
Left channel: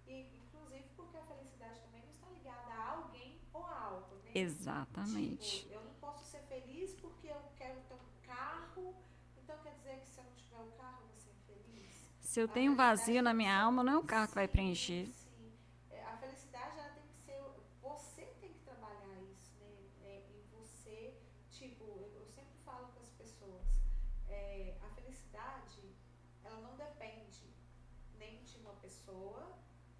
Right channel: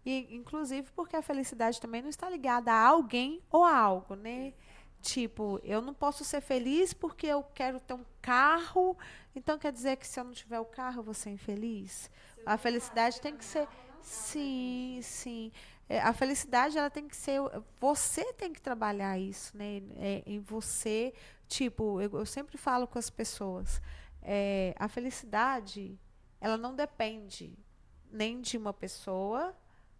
E, inclusive, porque a felicidade também não está ligada a alguém ou a algo, né? Exatamente. Tipo, eu não posso ser feliz porque eu quero ter um carro, então quer dizer que se eu não tiver o carro, eu vou ser infeliz? Se eu tenho vazio na minha alma, não é o carro que vai preencher. Sim, a felicidade, ela tem que ser... Você tem que trabalhar isso, né? Em você. Tipo, eu sempre falo com as pessoas, a felicidade, ela não depende nem de uma pessoa,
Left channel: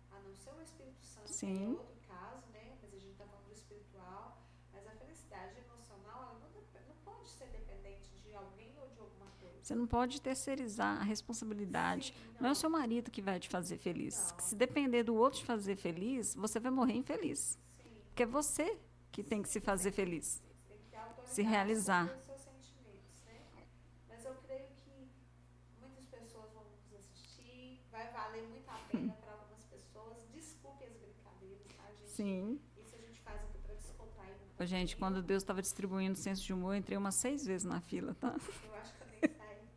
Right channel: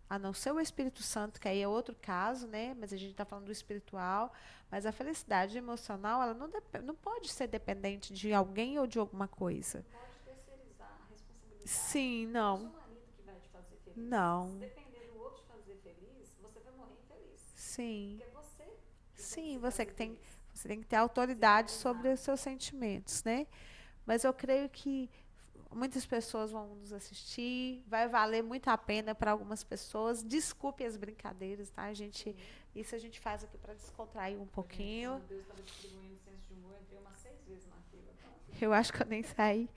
a não ser o Espírito Santo, Sim. que aí é outro caso, né? Mas a gente está falando do espiritual. Mas a felicidade emocional, ela não pode ser dependente de alguém ou de alguma coisa. Você não pode terceirizar a responsabilidade. Sim, não. Não é o seu marido que vai te fazer feliz. Não. Se depender do outro te fazer feliz, você vai morrer infeliz. Sim. Porque é você que tem que se fazer feliz. Você tem que ter autoridade sobre os seus sentimentos, né? Mas eu creio que muitas pessoas vão nos assistir, vai valer muito a pena para algumas pessoas. Desculpe as brincadeiras, tá, gente? Sim. Isso a gente faz aqui para descontrair um pouquinho. Gente, quando Deus estava distribuindo o senso de humor, eu entrei umas 6 vezes na fila, tá? Eu acho que eu nem saí.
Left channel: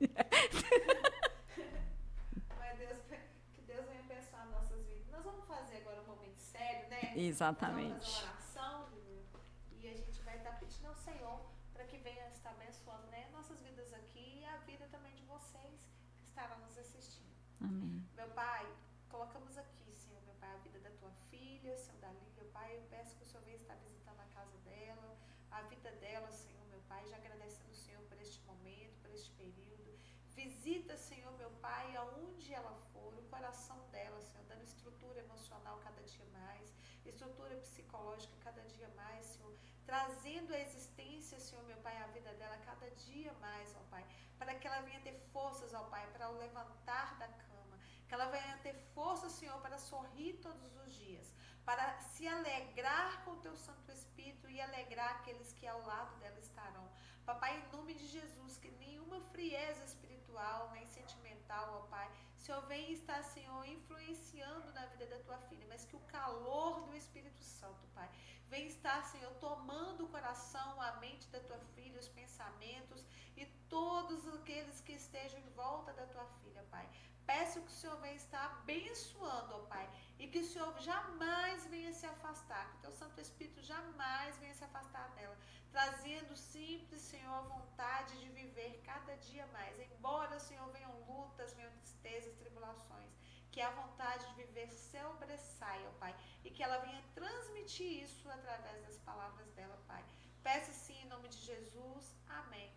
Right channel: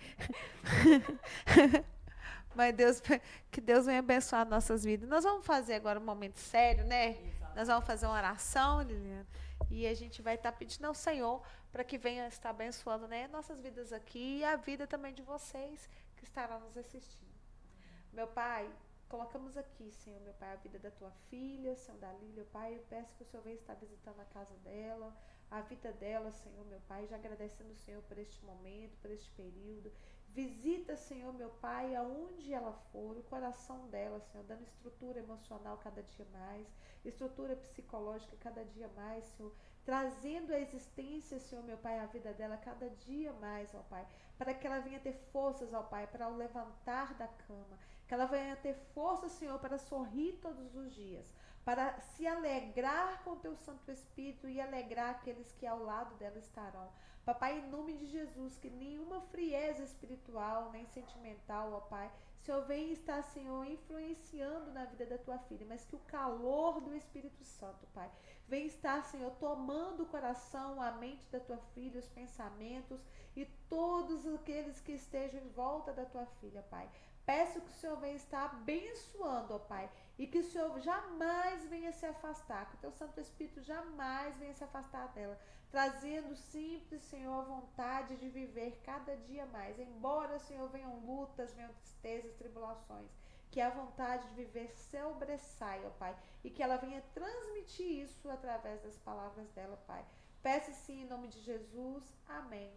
Mas que Deus venha abençoar nossas vidas. Nós vamos fazer agora um momento sério, né? Exatamente. Nós vamos fazer uma oração, Liliana, e a gente vai estar pedindo ao Senhor para que venha estar abençoando, né, nossas vidas aqui e a vida também de vocês que estarão nos assistindo. Amém. Meu Pai, colocamos aqui, Senhor, meu Pai, a vida da tua filha, Senhor, da Lília, Pai, eu peço que o Senhor venha estar visitando a casa dela, a vida dela, Senhor, meu Pai, já agradecendo o Senhor por este momento, por este período. Visita, Senhor, meu Pai, aonde ela for, o coração dela, Senhor, dando estrutura emocional cada dia mais, estrutura psicológica cada dia mais, Senhor, trazendo a existência, Senhor, meu Pai, a vida dela cada dia mais, ó Pai, para que ela venha ter forças, ó Pai, para o levantar da cama, que ela venha ter força, Senhor, para sorrir todos os dias, para se alegrar com o Teu Santo Espírito e alegrar aqueles que ao lado dela estarão. Papai, em nome de Jesus, que nenhuma frieza espiritual, nem sentimental, ó Pai, Senhor, vem estar, Senhor, influenciando na vida da Tua filha, mas que o calor do Espírito Santo, Pai, vem estar, Senhor, tomando o coração, a mente da Tua filha, os pensamentos e todos aqueles que estejam em volta da Tua filha, Pai. Peço que o Senhor venha estar abençoando, ó Pai, e que o Senhor jamais venha se afastar, que o Teu Santo Espírito jamais venha se afastar dela, trazendo sempre, Senhor, a vontade de viver cada dia mais. Embora, Senhor, venham lutas, venham tristezas, tribulações, que a vontade de viver sobressaia, ó Pai, e que ela venha transmitir isso através das palavras dela, Pai. Peço sim, em nome de Jesus. Amém.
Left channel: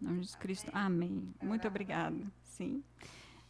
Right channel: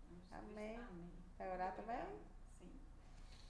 Em nome de Cristo. Amém. Muito obrigada. Sim.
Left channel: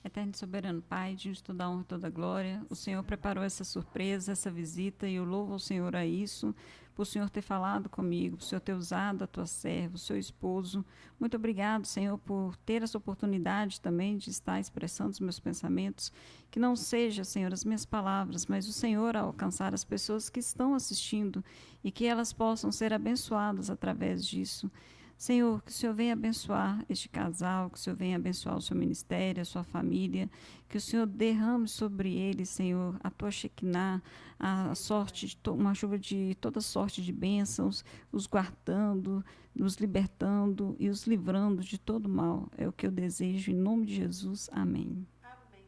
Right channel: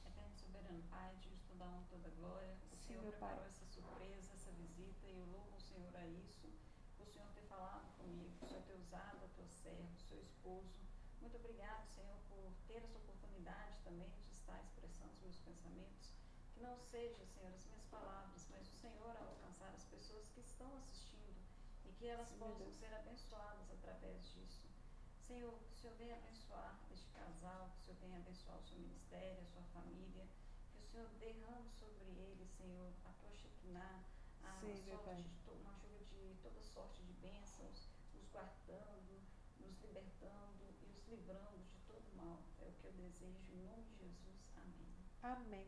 Eterno e soberano Pai, de toda a honra e toda a glória, o Senhor preparou essa surpresa, essa visita, e eu louvo ao Senhor a isso, por o Senhor ter falado comigo, por o Senhor ter usado a tua serva, o seu esposo. Muito obrigado, Senhor, por ter essa oportunidade também de estar expressando os meus pensamentos, que não seja, Senhor, as minhas palavras, mas o Senhor a alcançar as pessoas que estão assistindo e que elas possam ser abençoadas através disso. Senhor, que o Senhor venha abençoar este casal, que o Senhor venha abençoar o seu ministério, a sua família, que o Senhor derrame sobre eles, Senhor, a tua Shekinah, a sorte, uma chuva de toda sorte de bênçãos, os guardando, os libertando e os livrando de todo mal. É o que eu desejo, em nome de Jesus. Amém. Amém.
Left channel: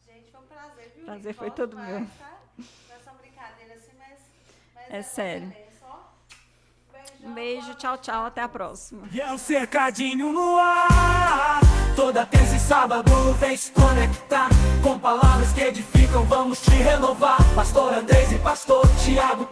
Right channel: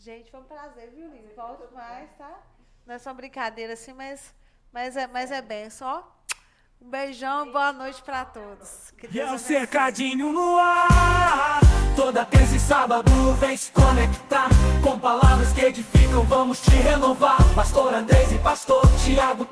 Gente, foi um prazer, viu? Prazer foi todo meu. Tá? Não é só brincadeira assim, mas sério. é bênção, ó. Um beijão, Beijo, boa noite, tchau, tchau, até a todos. próxima. E é um cercadinho no ar. Toda terça e sábado vem se conectar com palavras que edificam, vamos te renovar. Pastor Andrés e Pastor Tiago